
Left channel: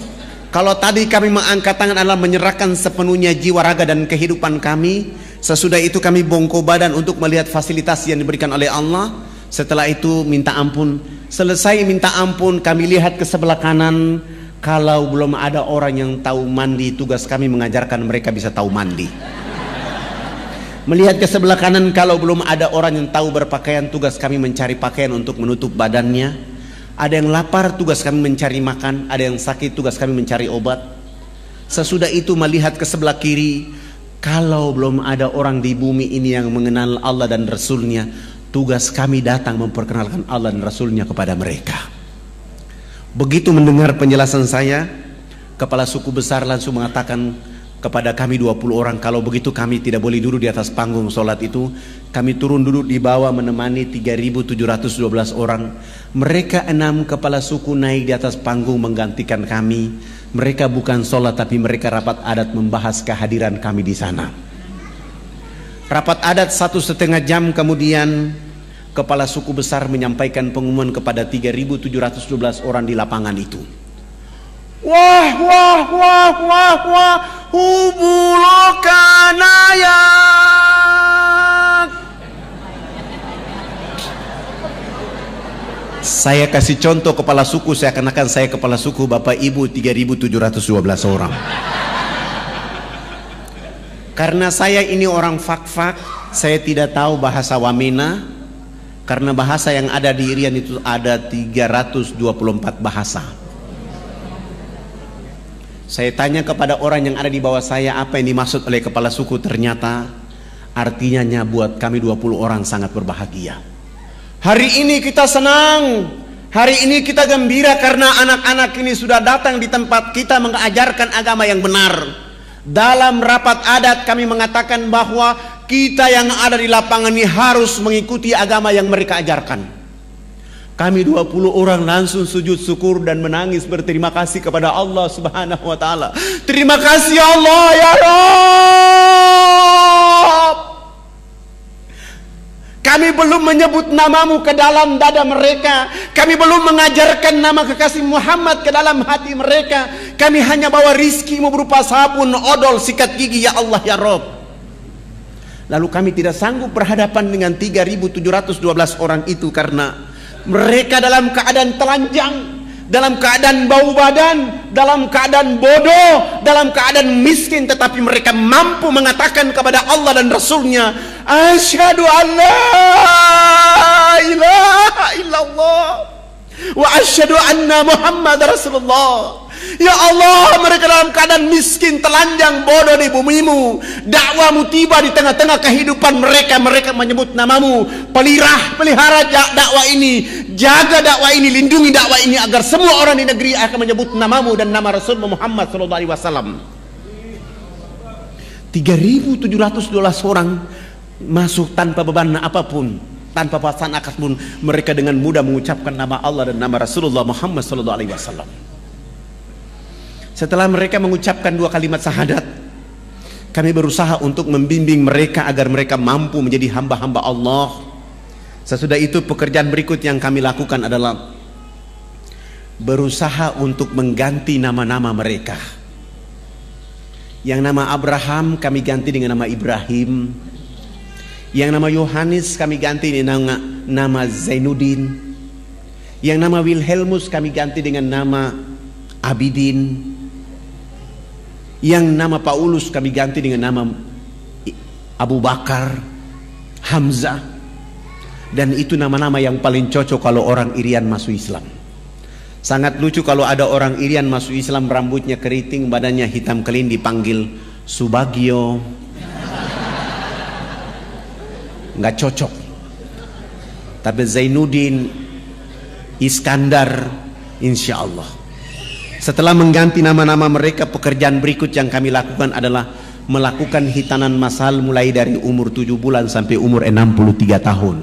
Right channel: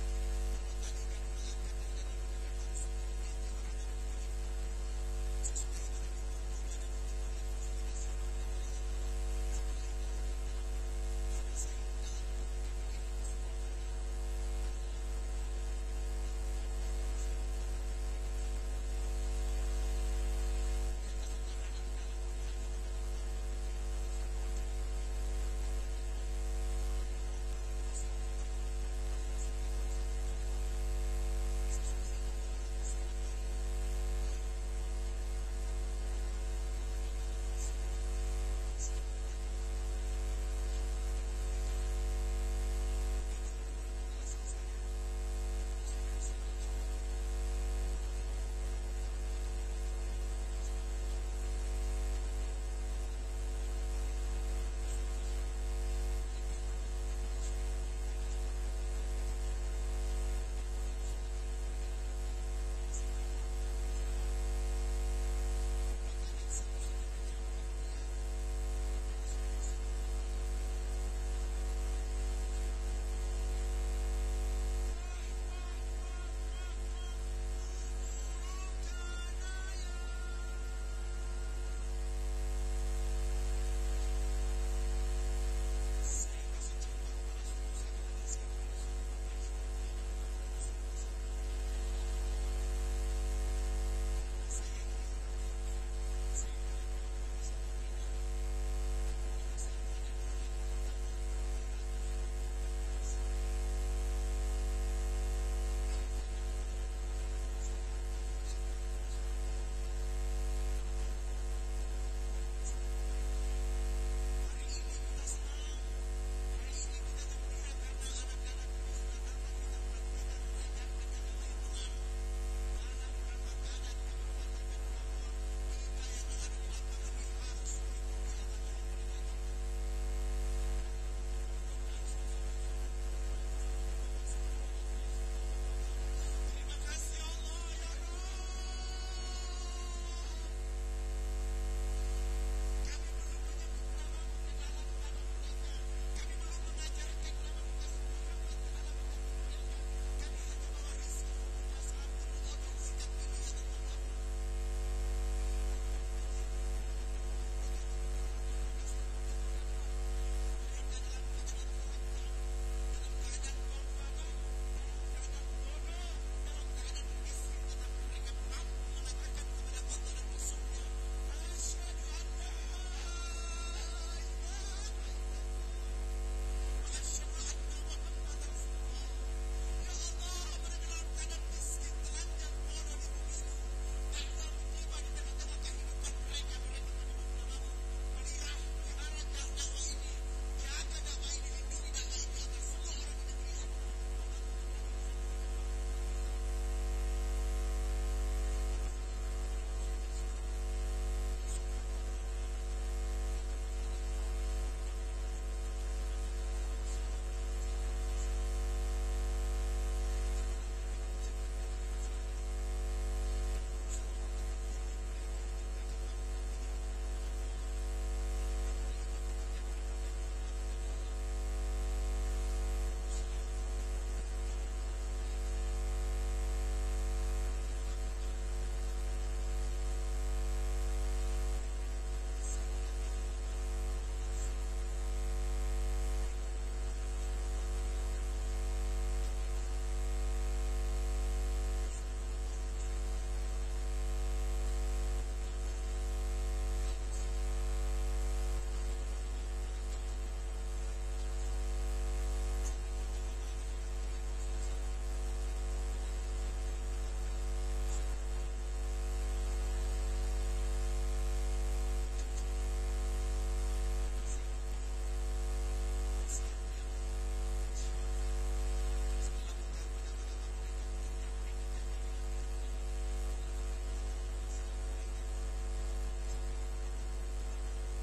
kalau tadi kami mengangkat tangan adalah menyerahkan sepenuhnya jiwa, raga dan kehidupan kami, sesudah itu kami bongkok badan untuk melihat fasilitas yang diberikan oleh Allah. Setelah itu minta ampun. Selesai minta ampun, kami lihat ke sebelah kanan, kalau belum ada orang yang tahu mandi, tugas kami mengajarkan mereka bisa tahu mandi. Melihat ke sebelah kanan, kalau belum ada orang yang tahu berpakaian, tugas kami mencari pakaian untuk menutup badannya. Ada yang lapar, tugas kami mencari makan. Ada yang sakit, tugas kami mencari obat. Sesudah itu melihat ke sebelah kiri, kalau belum ada orang di bumi ini yang mengenal Allah dan Rasulnya, tugas kami datang memperkenalkan Allah dan Rasulnya kepada mereka. Begitu mendengar penjelasan saya, Kepala Suku Besar langsung mengatakan kepada kami 20 orang, kalau begitu kami tidak boleh duduk di atas panggung sholat itu. Kami turun duduk di bawah menemani 3.712 orang. Mereka 6 kepala suku naik di atas panggung menggantikan kami. Mereka bukan sholat, tapi mereka rapat adat membahas kehadiran kami di sana. Rapat adat 1,5 jam kemudian, Kepala Suku Besar menyampaikan pengumuman kepada 3.712 orang di lapangan itu. Wah, wah, wah, wah, wah, hubulukanaya. Saya kasih contoh kepala suku, seakan-akan saya kepala suku, Bapak Ibu 3.712 orang. Karena saya ini orang fak-fak, saya tidak tahu bahasa Wamena. Karena bahasa yang ada di Irian itu ada 324 bahasa. Saya tanya kepada orang yang ada di bawah saya, apa yang dimaksud oleh kepala suku? Ternyata artinya buat kami 20 orang sangat berbahagia. Hari ini kita senang, hari ini kita gembira karena anak-anak ini sudah datang di tempat kita mengajarkan agama yang benar. Dalam rapat adat kami mengatakan bahwa kita yang ada di lapangan ini harus mengikuti agama yang mereka ajarkan. Kami 20 orang langsung sujud syukur dan menangis berterima kasih kepada Allah Subhanahu wa taala. Terima kasih Allah ya Rabb. Kami belum menyebut namamu ke dalam dada mereka. Kami belum mengajarkan nama kekasih Muhammad ke dalam hati mereka. Kami hanya bawa rizkimu berupa sabun, odol, sikat gigi ya Allah ya Rabb. Lalu kami tidak sanggup berhadapan dengan 3.712 orang itu karena mereka dalam keadaan telanjang, dalam keadaan bau badan, dalam keadaan bodoh, dalam keadaan miskin, tetapi mereka mampu mengatakan kepada Allah dan Rasulnya, asyhadu an la ilaha illallah wa asyhadu anna Muhammad Rasulullah. Ya Allah, mereka dalam keadaan miskin, telanjang, bodoh di bumimu. Dakwamu tiba di tengah-tengah kehidupan mereka. Mereka menyebut namamu. Pelihara dakwah ini, jaga dakwah ini, lindungi dakwah ini agar semua orang di negeri akan menyebut namamu dan nama Rasul Muhammad SAW. 3.712 orang masuk tanpa beban apapun, tanpa paksaan apapun. Mereka dengan mudah mengucapkan nama Allah dan nama Rasulullah Muhammad SAW. Setelah mereka mengucapkan 2 kalimat syahadat, kami berusaha untuk membimbing mereka agar mereka mampu menjadi hamba-hamba Allah. Sesudah itu pekerjaan berikut yang kami lakukan adalah berusaha untuk mengganti nama-nama mereka. Yang nama Abraham kami ganti dengan nama Ibrahim. Yang nama Yohanes kami ganti dengan nama Zainuddin. Yang nama Wilhelmus kami ganti dengan nama Abidin. Yang nama Paulus kami ganti dengan nama Abu Bakar, Hamzah. Dan itu nama-nama yang paling cocok kalau orang Irian masuk Islam. Sangat lucu kalau ada orang Irian masuk Islam, rambutnya keriting, badannya hitam kelin, dipanggil Subagio. Nggak cocok. Tapi Zainuddin, Iskandar, insya Allah. Setelah mengganti nama-nama mereka, pekerjaan berikut yang kami lakukan adalah melakukan hitanan masal mulai dari umur 7 bulan sampai umur 63 tahun.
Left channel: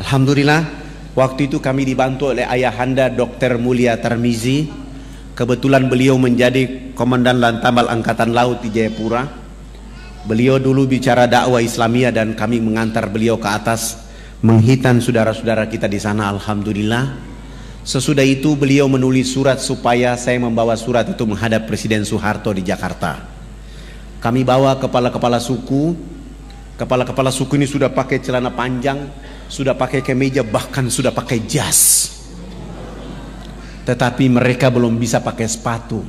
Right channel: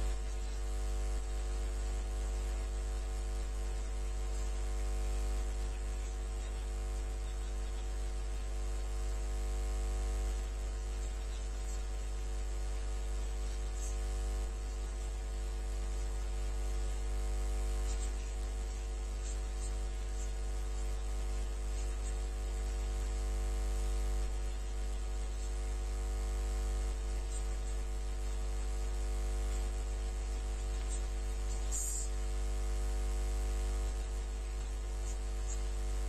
Alhamdulillah, waktu itu kami dibantu oleh ayahanda Dr. Mulia Tarmizi. Kebetulan beliau menjadi Komandan Lantamal Angkatan Laut di Jayapura. Beliau dulu bicara dakwah Islamiyah dan kami mengantar beliau ke atas menghitan saudara-saudara kita di sana. Alhamdulillah. Sesudah itu beliau menulis surat supaya saya membawa surat itu menghadap Presiden Soeharto di Jakarta. Kami bawa kepala-kepala suku. Kepala-kepala suku ini sudah pakai celana panjang, sudah pakai kemeja, bahkan sudah pakai jas. Tetapi mereka belum bisa pakai sepatu.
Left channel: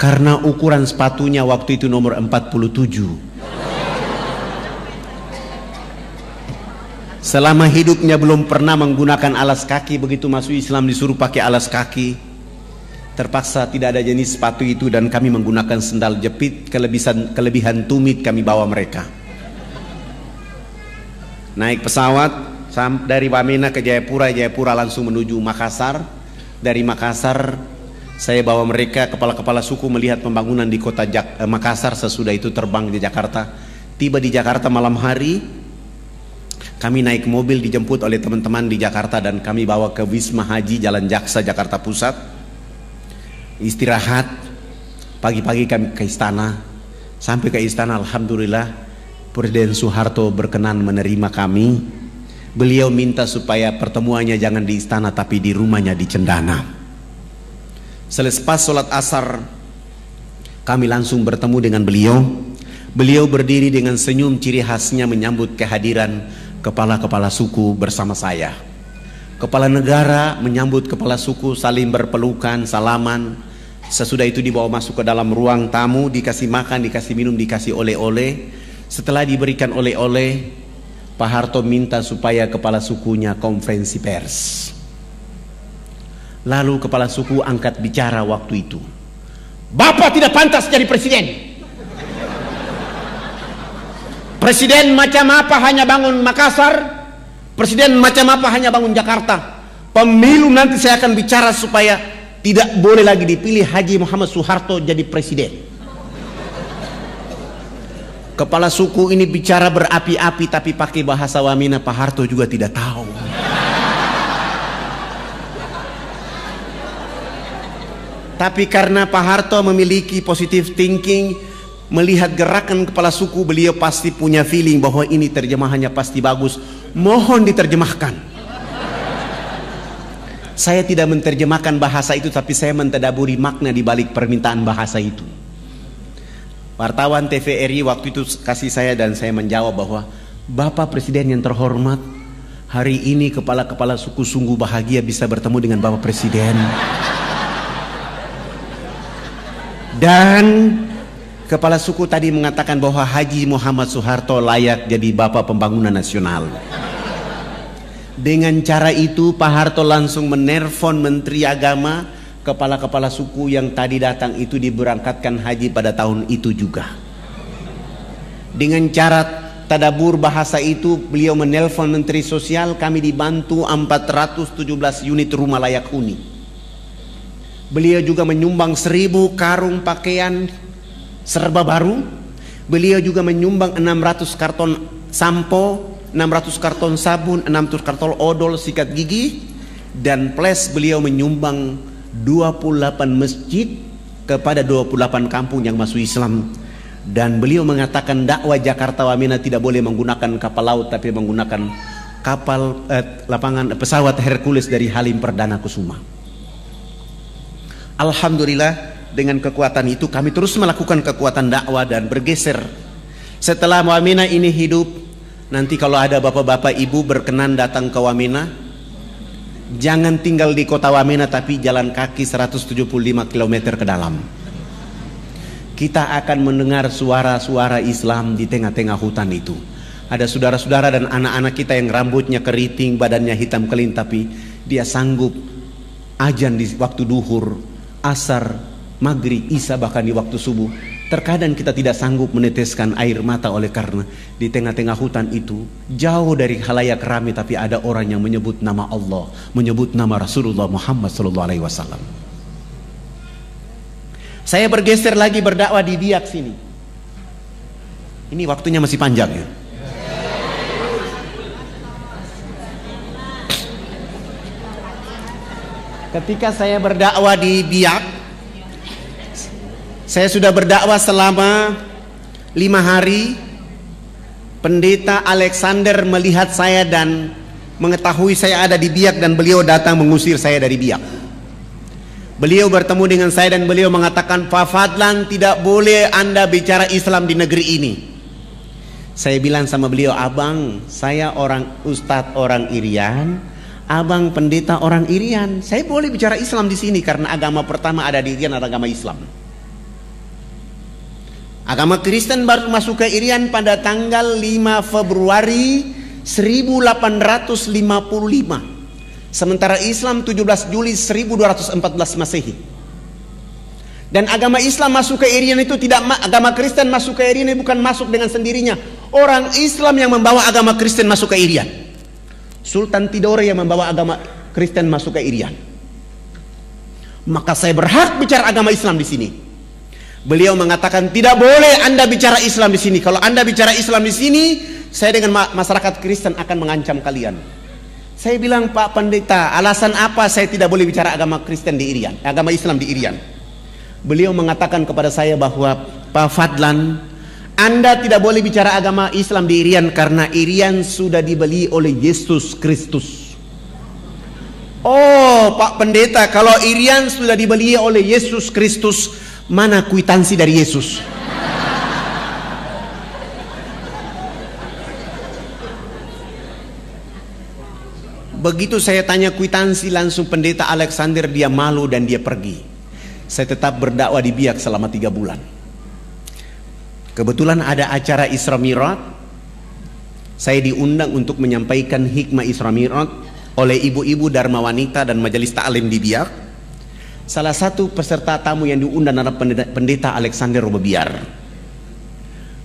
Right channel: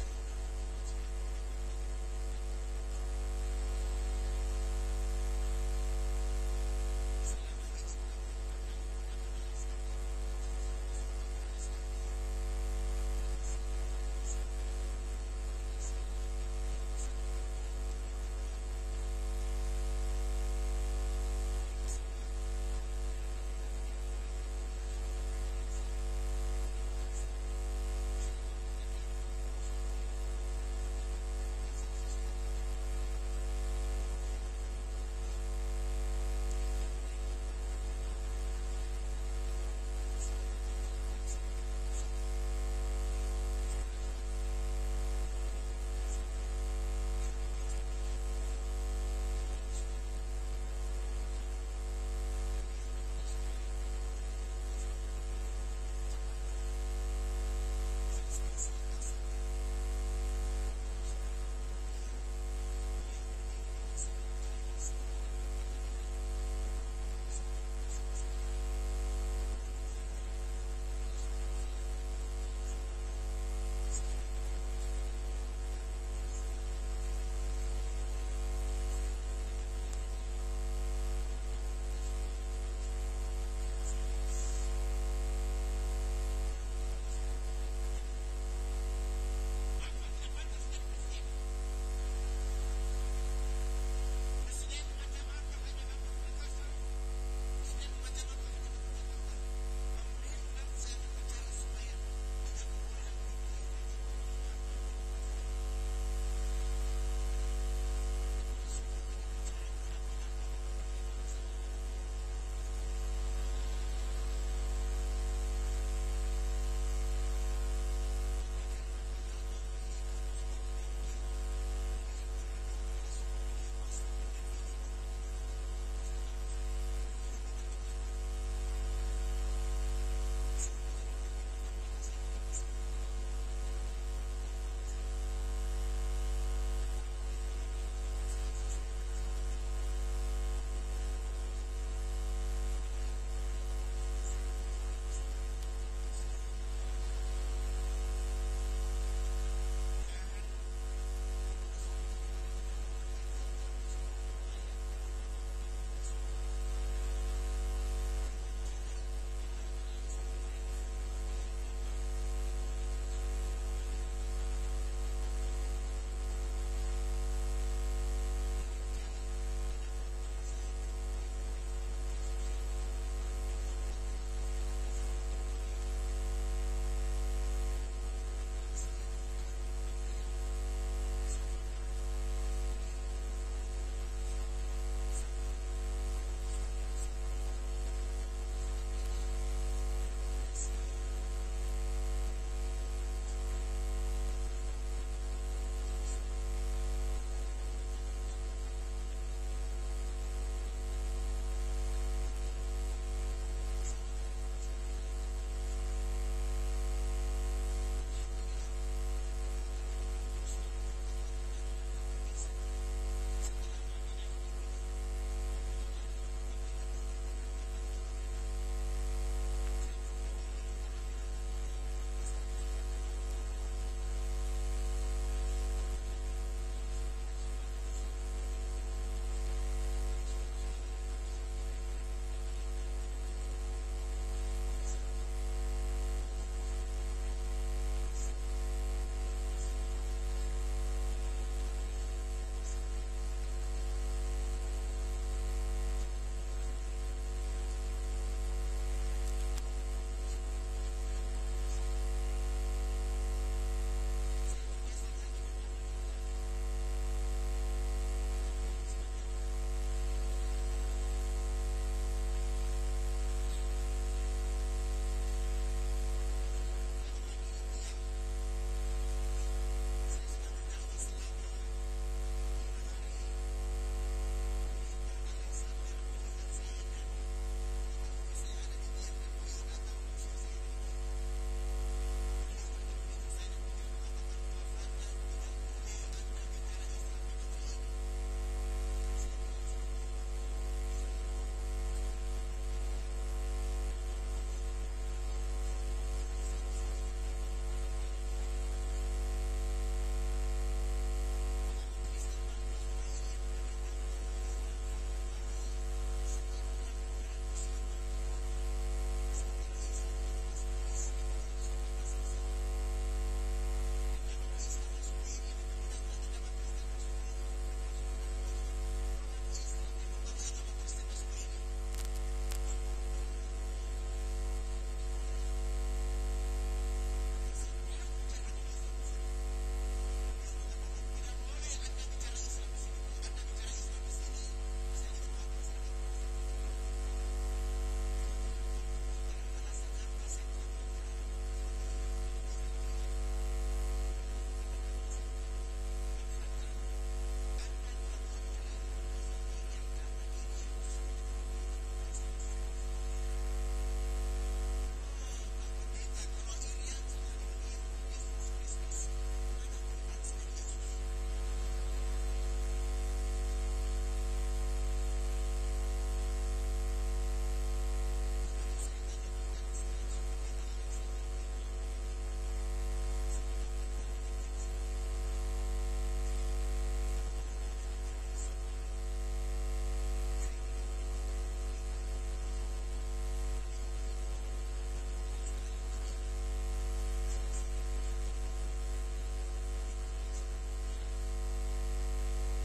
Karena ukuran sepatunya waktu itu nomor 47. Selama hidupnya belum pernah menggunakan alas kaki, begitu masuk Islam disuruh pakai alas kaki. Terpaksa tidak ada jenis sepatu itu dan kami menggunakan sendal jepit. Kelebihan tumit kami bawa mereka. Naik pesawat dari Wamena ke Jayapura, Jayapura langsung menuju Makassar. Dari Makassar saya bawa mereka, kepala-kepala suku melihat pembangunan di kota Makassar. Sesudah itu terbang di Jakarta. Tiba di Jakarta malam hari. Kami naik mobil dijemput oleh teman-teman di Jakarta dan kami bawa ke Wisma Haji Jalan Jaksa Jakarta Pusat. Istirahat. Pagi-pagi kami ke istana. Sampai ke istana, alhamdulillah Presiden Soeharto berkenan menerima kami. Beliau minta supaya pertemuannya jangan di istana tapi di rumahnya di Cendana. Selepas sholat asar kami langsung bertemu dengan beliau. Beliau berdiri dengan senyum ciri khasnya menyambut kehadiran kepala-kepala suku bersama saya. Kepala negara menyambut kepala suku, saling berpelukan, salaman. Sesudah itu dibawa masuk ke dalam ruang tamu, dikasih makan, dikasih minum, dikasih oleh-oleh. Setelah diberikan oleh-oleh, Pak Harto minta supaya kepala sukunya konferensi pers. Lalu kepala suku angkat bicara waktu itu. Bapak tidak pantas jadi presiden. Presiden macam apa hanya bangun Makassar, presiden macam apa hanya bangun Jakarta. Pemilu nanti saya akan bicara supaya tidak boleh lagi dipilih Haji Muhammad Soeharto jadi presiden. Kepala suku ini bicara berapi-api tapi pakai bahasa Wamena, Pak Harto juga tidak tahu. Tapi karena Pak Harto memiliki positive thinking, melihat gerakan kepala suku, beliau pasti punya feeling bahwa ini terjemahannya pasti bagus. Mohon diterjemahkan. Saya tidak menerjemahkan bahasa itu, tapi saya mentadaburi makna di balik permintaan bahasa itu. Wartawan TVRI waktu itu kasih saya dan saya menjawab bahwa Bapak Presiden yang terhormat, hari ini kepala-kepala suku sungguh bahagia bisa bertemu dengan Bapak Presiden. Dan kepala suku tadi mengatakan bahwa Haji Muhammad Soeharto layak jadi Bapak Pembangunan Nasional. Dengan cara itu Pak Harto langsung menelpon Menteri Agama, kepala-kepala suku yang tadi datang itu diberangkatkan haji pada tahun itu juga. Dengan cara tadabur bahasa itu beliau menelpon Menteri Sosial, kami dibantu 417 unit rumah layak huni. Beliau juga menyumbang 1000 karung pakaian serba baru. Beliau juga menyumbang 600 karton sampo, 600 karton sabun, 600 karton odol sikat gigi, dan plus beliau menyumbang 28 masjid kepada 28 kampung yang masuk Islam. Dan beliau mengatakan dakwah Jakarta Wamena tidak boleh menggunakan kapal laut tapi menggunakan lapangan pesawat Hercules dari Halim Perdana Kusuma. Alhamdulillah, dengan kekuatan itu kami terus melakukan kekuatan dakwah dan bergeser. Setelah Wamena ini hidup, nanti kalau ada bapak-bapak ibu berkenan datang ke Wamena, jangan tinggal di kota Wamena tapi jalan kaki 175 km ke dalam. Kita akan mendengar suara-suara Islam di tengah-tengah hutan itu. Ada saudara-saudara dan anak-anak kita yang rambutnya keriting, badannya hitam kelin, tapi dia sanggup azan di waktu duhur, asar, maghrib, isya, bahkan di waktu subuh. Terkadang kita tidak sanggup meneteskan air mata oleh karena di tengah-tengah hutan itu jauh dari khalayak ramai, tapi ada orang yang menyebut nama Allah, menyebut nama Rasulullah Muhammad SAW. Saya bergeser lagi berdakwah di Biak sini. Ini waktunya masih panjang ya. Ketika saya berdakwah di Biak, saya sudah berdakwah selama 5 hari. Pendeta Alexander melihat saya dan mengetahui saya ada di Biak, dan beliau datang mengusir saya dari Biak. Beliau bertemu dengan saya dan beliau mengatakan, Pak Fadlan, tidak boleh Anda bicara Islam di negeri ini. Saya bilang sama beliau, abang, saya orang ustadz orang Irian, abang pendeta orang Irian, saya boleh bicara Islam di sini karena agama pertama ada di Irian adalah agama Islam. Agama Kristen baru masuk ke Irian pada tanggal 5 Februari 1855. Sementara Islam 17 Juli 1214 Masehi. Dan agama Islam masuk ke Irian itu tidak, agama Kristen masuk ke Irian ini bukan masuk dengan sendirinya. Orang Islam yang membawa agama Kristen masuk ke Irian. Sultan Tidore yang membawa agama Kristen masuk ke Irian. Maka saya berhak bicara agama Islam di sini. Beliau mengatakan tidak boleh Anda bicara Islam di sini. Kalau Anda bicara Islam di sini, saya dengan masyarakat Kristen akan mengancam kalian. Saya bilang, Pak Pendeta, alasan apa saya tidak boleh bicara agama Kristen di Irian, agama Islam di Irian? Beliau mengatakan kepada saya bahwa, Pak Fadlan, Anda tidak boleh bicara agama Islam di Irian karena Irian sudah dibeli oleh Yesus Kristus. Oh, Pak Pendeta, kalau Irian sudah dibeli oleh Yesus Kristus, mana kwitansi dari Yesus? Begitu saya tanya kwitansi, langsung pendeta Alexander dia malu dan dia pergi. Saya tetap berdakwah di Biak selama 3 bulan. Kebetulan ada acara Isra Mi'raj. Saya diundang untuk menyampaikan hikmah Isra Mi'raj oleh ibu-ibu Dharma Wanita dan Majelis Ta'lim di Biak. Salah satu peserta tamu yang diundang adalah pendeta Alexander Robobiar.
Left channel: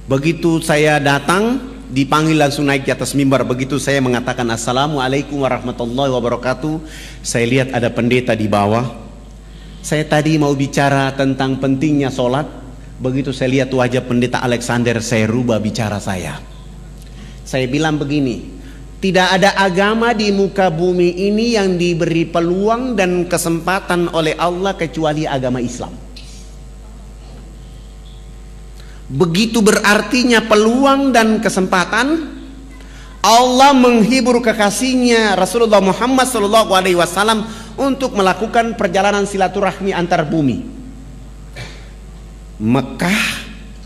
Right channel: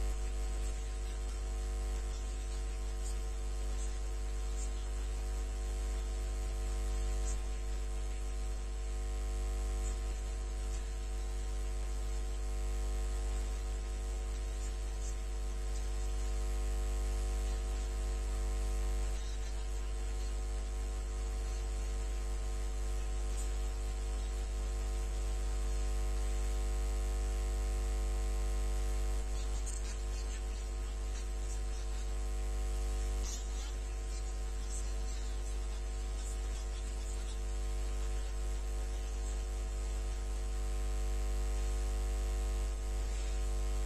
Begitu saya datang, dipanggil langsung naik di atas mimbar. Begitu saya mengatakan Assalamualaikum warahmatullahi wabarakatuh, saya lihat ada pendeta di bawah. Saya tadi mau bicara tentang pentingnya sholat. Begitu saya lihat wajah pendeta Alexander, saya rubah bicara saya. Saya bilang begini, tidak ada agama di muka bumi ini yang diberi peluang dan kesempatan oleh Allah kecuali agama Islam. Begitu berartinya peluang dan kesempatan. Allah menghibur kekasihnya Rasulullah Muhammad SAW untuk melakukan perjalanan silaturahmi antar bumi, Mekah,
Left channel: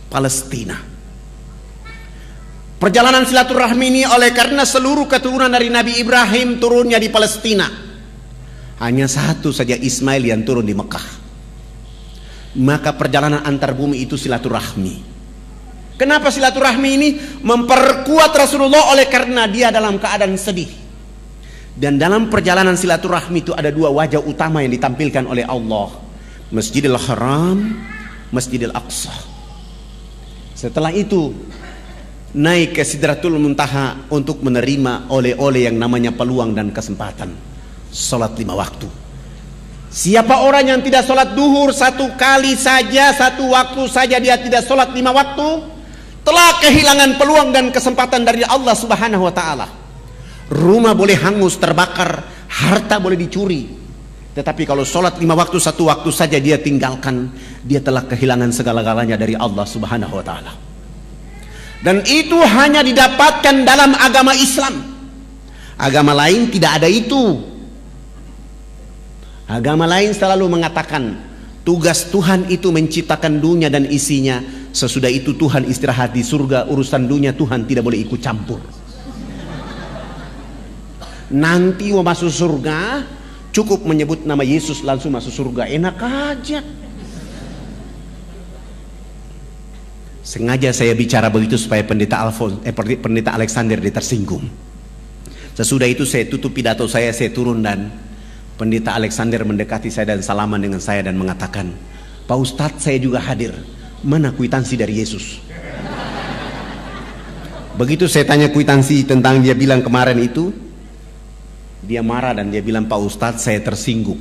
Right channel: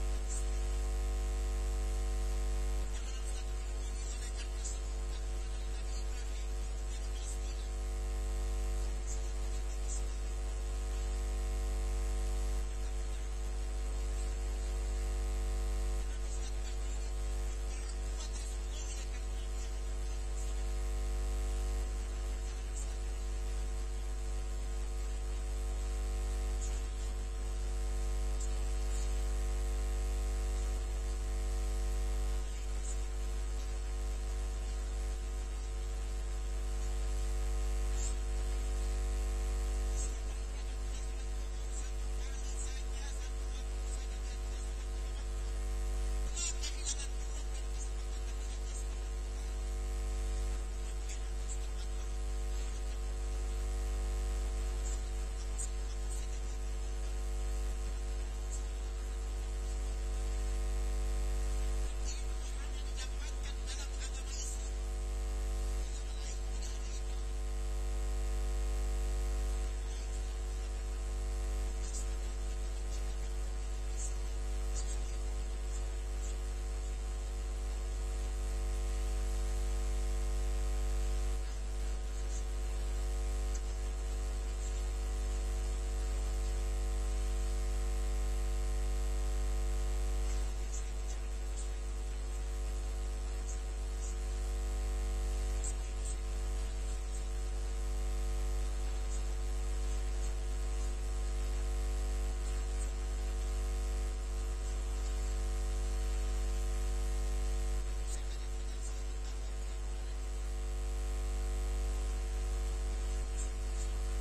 Palestina. Perjalanan silaturahmi ini oleh karena seluruh keturunan dari Nabi Ibrahim turunnya di Palestina. Hanya satu saja Ismail yang turun di Mekah. Maka perjalanan antar bumi itu silaturahmi. Kenapa silaturahmi ini memperkuat Rasulullah? Oleh karena dia dalam keadaan sedih. Dan dalam perjalanan silaturahmi itu ada 2 wajah utama yang ditampilkan oleh Allah, Masjidil Haram, Masjidil Aqsa. Setelah itu naik ke Sidratul Muntaha untuk menerima oleh-oleh yang namanya peluang dan kesempatan salat 5 waktu. Siapa orang yang tidak salat duhur 1 kali saja, 1 waktu saja dia tidak salat 5 waktu, telah kehilangan peluang dan kesempatan dari Allah Subhanahu wa ta'ala. Rumah boleh hangus, terbakar, harta boleh dicuri, tetapi kalau sholat 5 waktu 1 waktu saja dia tinggalkan, dia telah kehilangan segala-galanya dari Allah Subhanahu wa ta'ala. Dan itu hanya didapatkan dalam agama Islam. Agama lain tidak ada itu. Agama lain selalu mengatakan tugas Tuhan itu menciptakan dunia dan isinya. Sesudah itu Tuhan istirahat di surga. Urusan dunia Tuhan tidak boleh ikut campur. Nanti mau masuk surga cukup menyebut nama Yesus langsung masuk surga. Enak aja. Sengaja saya bicara begitu supaya pendeta Alexander dia tersinggung. Sesudah itu saya tutup pidato saya turun dan pendeta Alexander mendekati saya dan salaman dengan saya dan mengatakan, "Pak Ustadz, saya juga hadir. Mana kwitansi dari Yesus?" Begitu saya tanya kwitansi tentang dia bilang kemarin itu, dia marah dan dia bilang, "Pak Ustadz, saya tersinggung."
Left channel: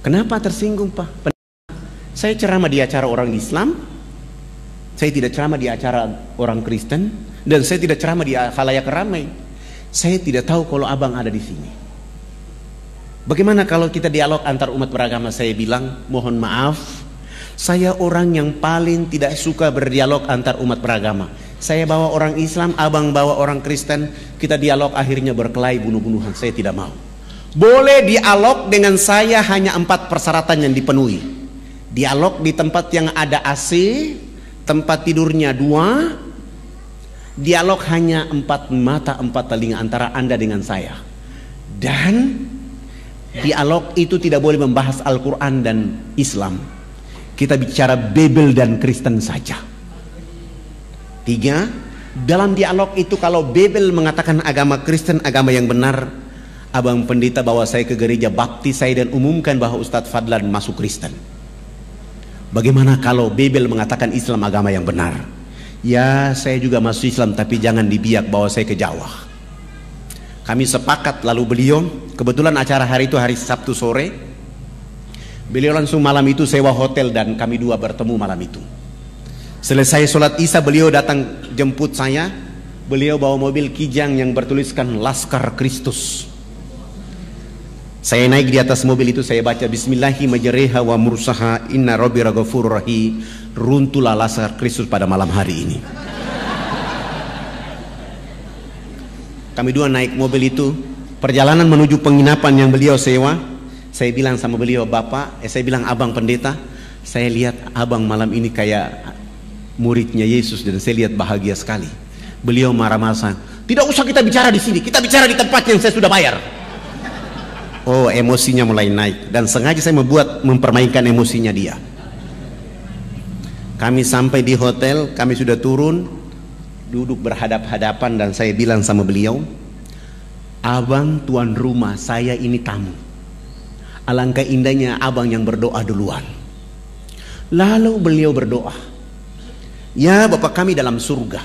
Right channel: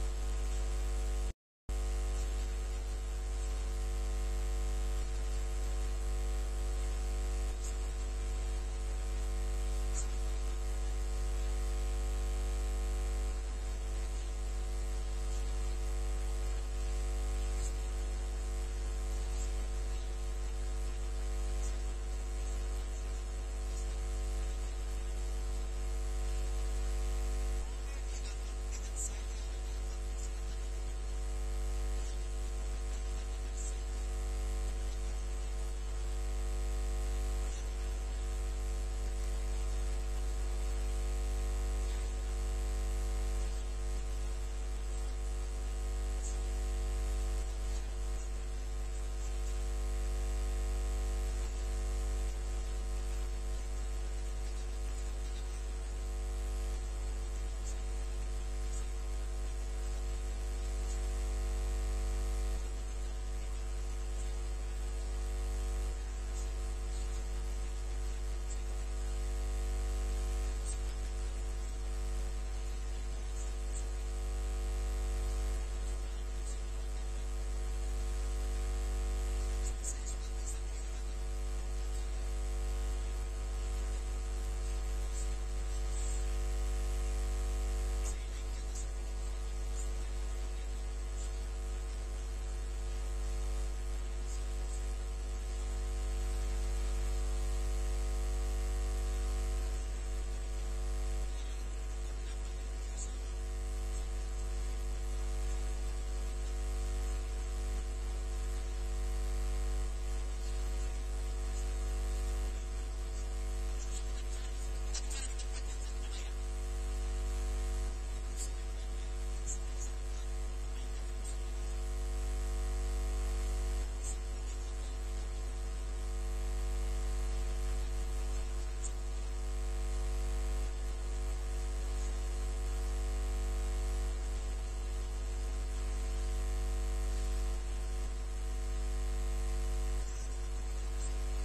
Kenapa tersinggung, Pak? Saya ceramah di acara orang Islam, saya tidak ceramah di acara orang Kristen, dan saya tidak ceramah di khalayak ramai. Saya tidak tahu kalau abang ada di sini. Bagaimana kalau kita dialog antar umat beragama? Saya bilang, mohon maaf, saya orang yang paling tidak suka berdialog antar umat beragama. Saya bawa orang Islam, abang bawa orang Kristen, kita dialog akhirnya berkelahi bunuh-bunuhan. Saya tidak mau. Boleh dialog dengan saya hanya 4 persyaratan yang dipenuhi. Dialog di tempat yang ada AC, tempat tidurnya 2, dialog hanya 4 mata 4 telinga antara Anda dengan saya, dan dialog itu tidak boleh membahas Al-Quran dan Islam. Kita bicara Bible dan Kristen saja. 3, dalam dialog itu kalau Bible mengatakan agama Kristen agama yang benar, abang pendeta bawa saya ke gereja baptis saya dan umumkan bahwa Ustadz Fadlan masuk Kristen. Bagaimana kalau Bible mengatakan Islam agama yang benar? Ya, saya juga masuk Islam, tapi jangan dibiak bawa saya ke Jawa. Kami sepakat, lalu beliau, kebetulan acara hari itu hari Sabtu sore, beliau langsung malam itu sewa hotel dan kami 2 bertemu malam itu. Selesai sholat Isya beliau datang jemput saya. Beliau bawa mobil Kijang yang bertuliskan Laskar Kristus. Saya naik di atas mobil itu, saya baca Bismillahi majreha wa mursaha inna rabbi ghafurur rahim. Runtuhlah Laskar Kristus pada malam hari ini. Kami 2 naik mobil itu, perjalanan menuju penginapan yang beliau sewa. Saya bilang sama beliau, saya bilang, abang pendeta, saya lihat abang malam ini kayak muridnya Yesus dan saya lihat bahagia sekali. Beliau marah-marah, "Tidak usah kita bicara di sini, kita bicara di tempat yang saya sudah bayar." Oh, emosinya mulai naik dan sengaja saya mempermainkan emosinya dia. Kami sampai di hotel, kami sudah turun, duduk berhadap-hadapan dan saya bilang sama beliau, "Abang tuan rumah, saya ini tamu. Alangkah indahnya abang yang berdoa duluan." Lalu beliau berdoa, "Ya Bapa kami dalam surga,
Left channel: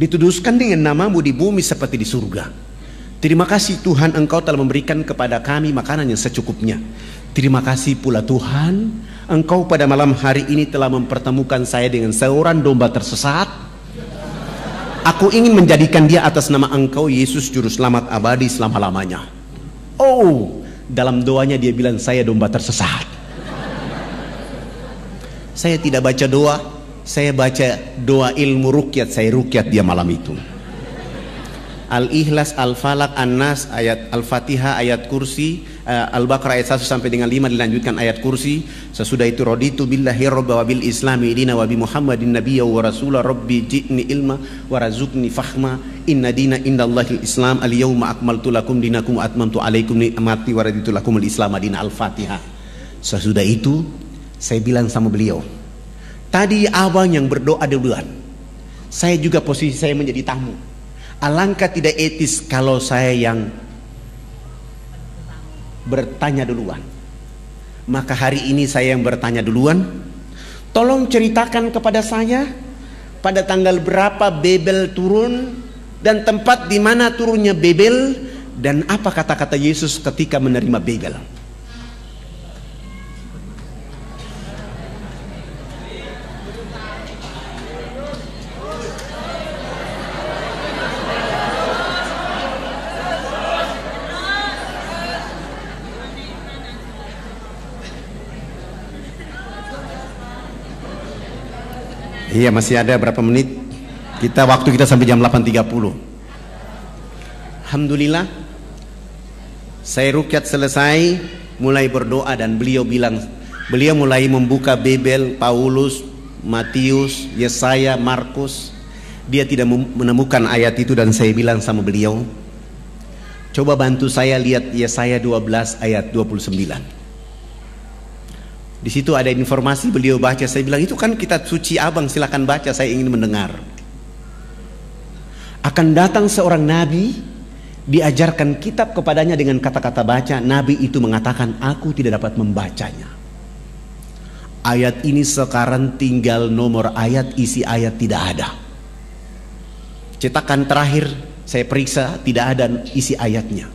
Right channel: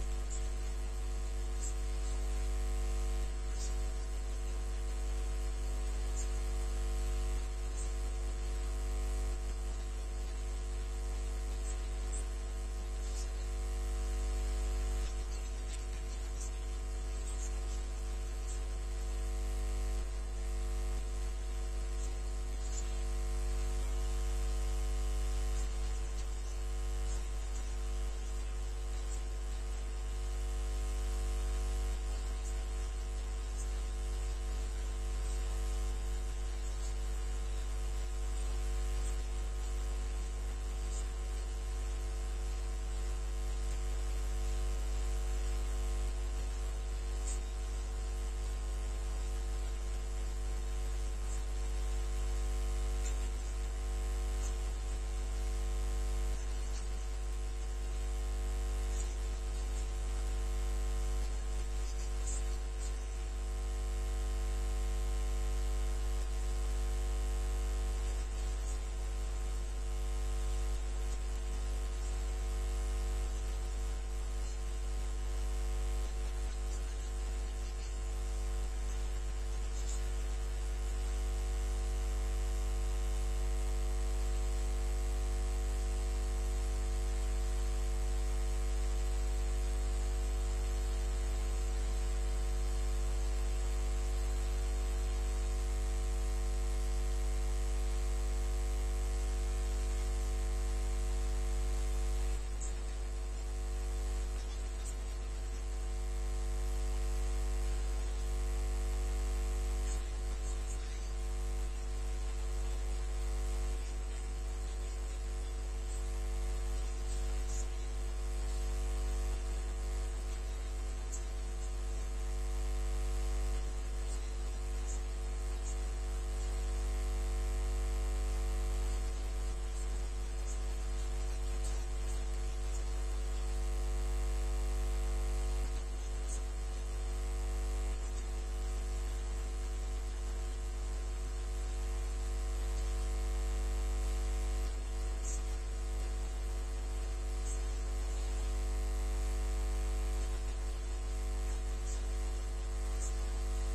dituduskan dengan namamu di bumi seperti di surga. Terima kasih Tuhan, Engkau telah memberikan kepada kami makanan yang secukupnya. Terima kasih pula Tuhan, Engkau pada malam hari ini telah mempertemukan saya dengan seorang domba tersesat. Aku ingin menjadikan dia atas nama Engkau Yesus Juru Selamat abadi selama-lamanya." Oh, dalam doanya dia bilang saya domba tersesat. Saya tidak baca doa, saya baca doa ilmu rukyat, saya rukyat dia malam itu. Al-Ikhlas, Al-Falaq, An-Nas, ayat Al-Fatihah, ayat kursi, Al-Baqarah ayat 1 sampai dengan 5 dilanjutkan ayat kursi. Sesudah itu raditu billahi rabba wa bil islami dina wa bi Muhammadin nabiyya wa rasula rabbi ji'ni ilma wa razukni fahma inna dina indallahil islam al yawma akmaltu lakum dinakum wa atmamtu alaikum ni'mati wa raditu lakum al islam dina. Al-Fatihah. Sesudah itu saya bilang sama beliau, "Tadi abang yang berdoa duluan, saya juga posisi saya menjadi tamu. Alangkah tidak etis kalau saya yang bertanya duluan. Maka hari ini saya yang bertanya duluan. Tolong ceritakan kepada saya pada tanggal berapa Babel turun dan tempat di mana turunnya Babel dan apa kata-kata Yesus ketika menerima Babel." Iya, masih ada berapa menit? Waktu kita sampai jam 8.30. Alhamdulillah, saya rukyat selesai, mulai berdoa dan beliau mulai membuka Babel, Paulus, Matius, Yesaya, Markus. Dia tidak menemukan ayat itu dan saya bilang sama beliau, coba bantu saya lihat Yesaya 12 ayat 29. Di situ ada informasi, beliau baca, saya bilang itu kan kitab suci abang, silakan baca, saya ingin mendengar. Akan datang seorang nabi, diajarkan kitab kepadanya dengan kata-kata baca. Nabi itu mengatakan, aku tidak dapat membacanya. Ayat ini sekarang tinggal nomor ayat, isi ayat tidak ada. Cetakan terakhir saya periksa tidak ada isi ayatnya.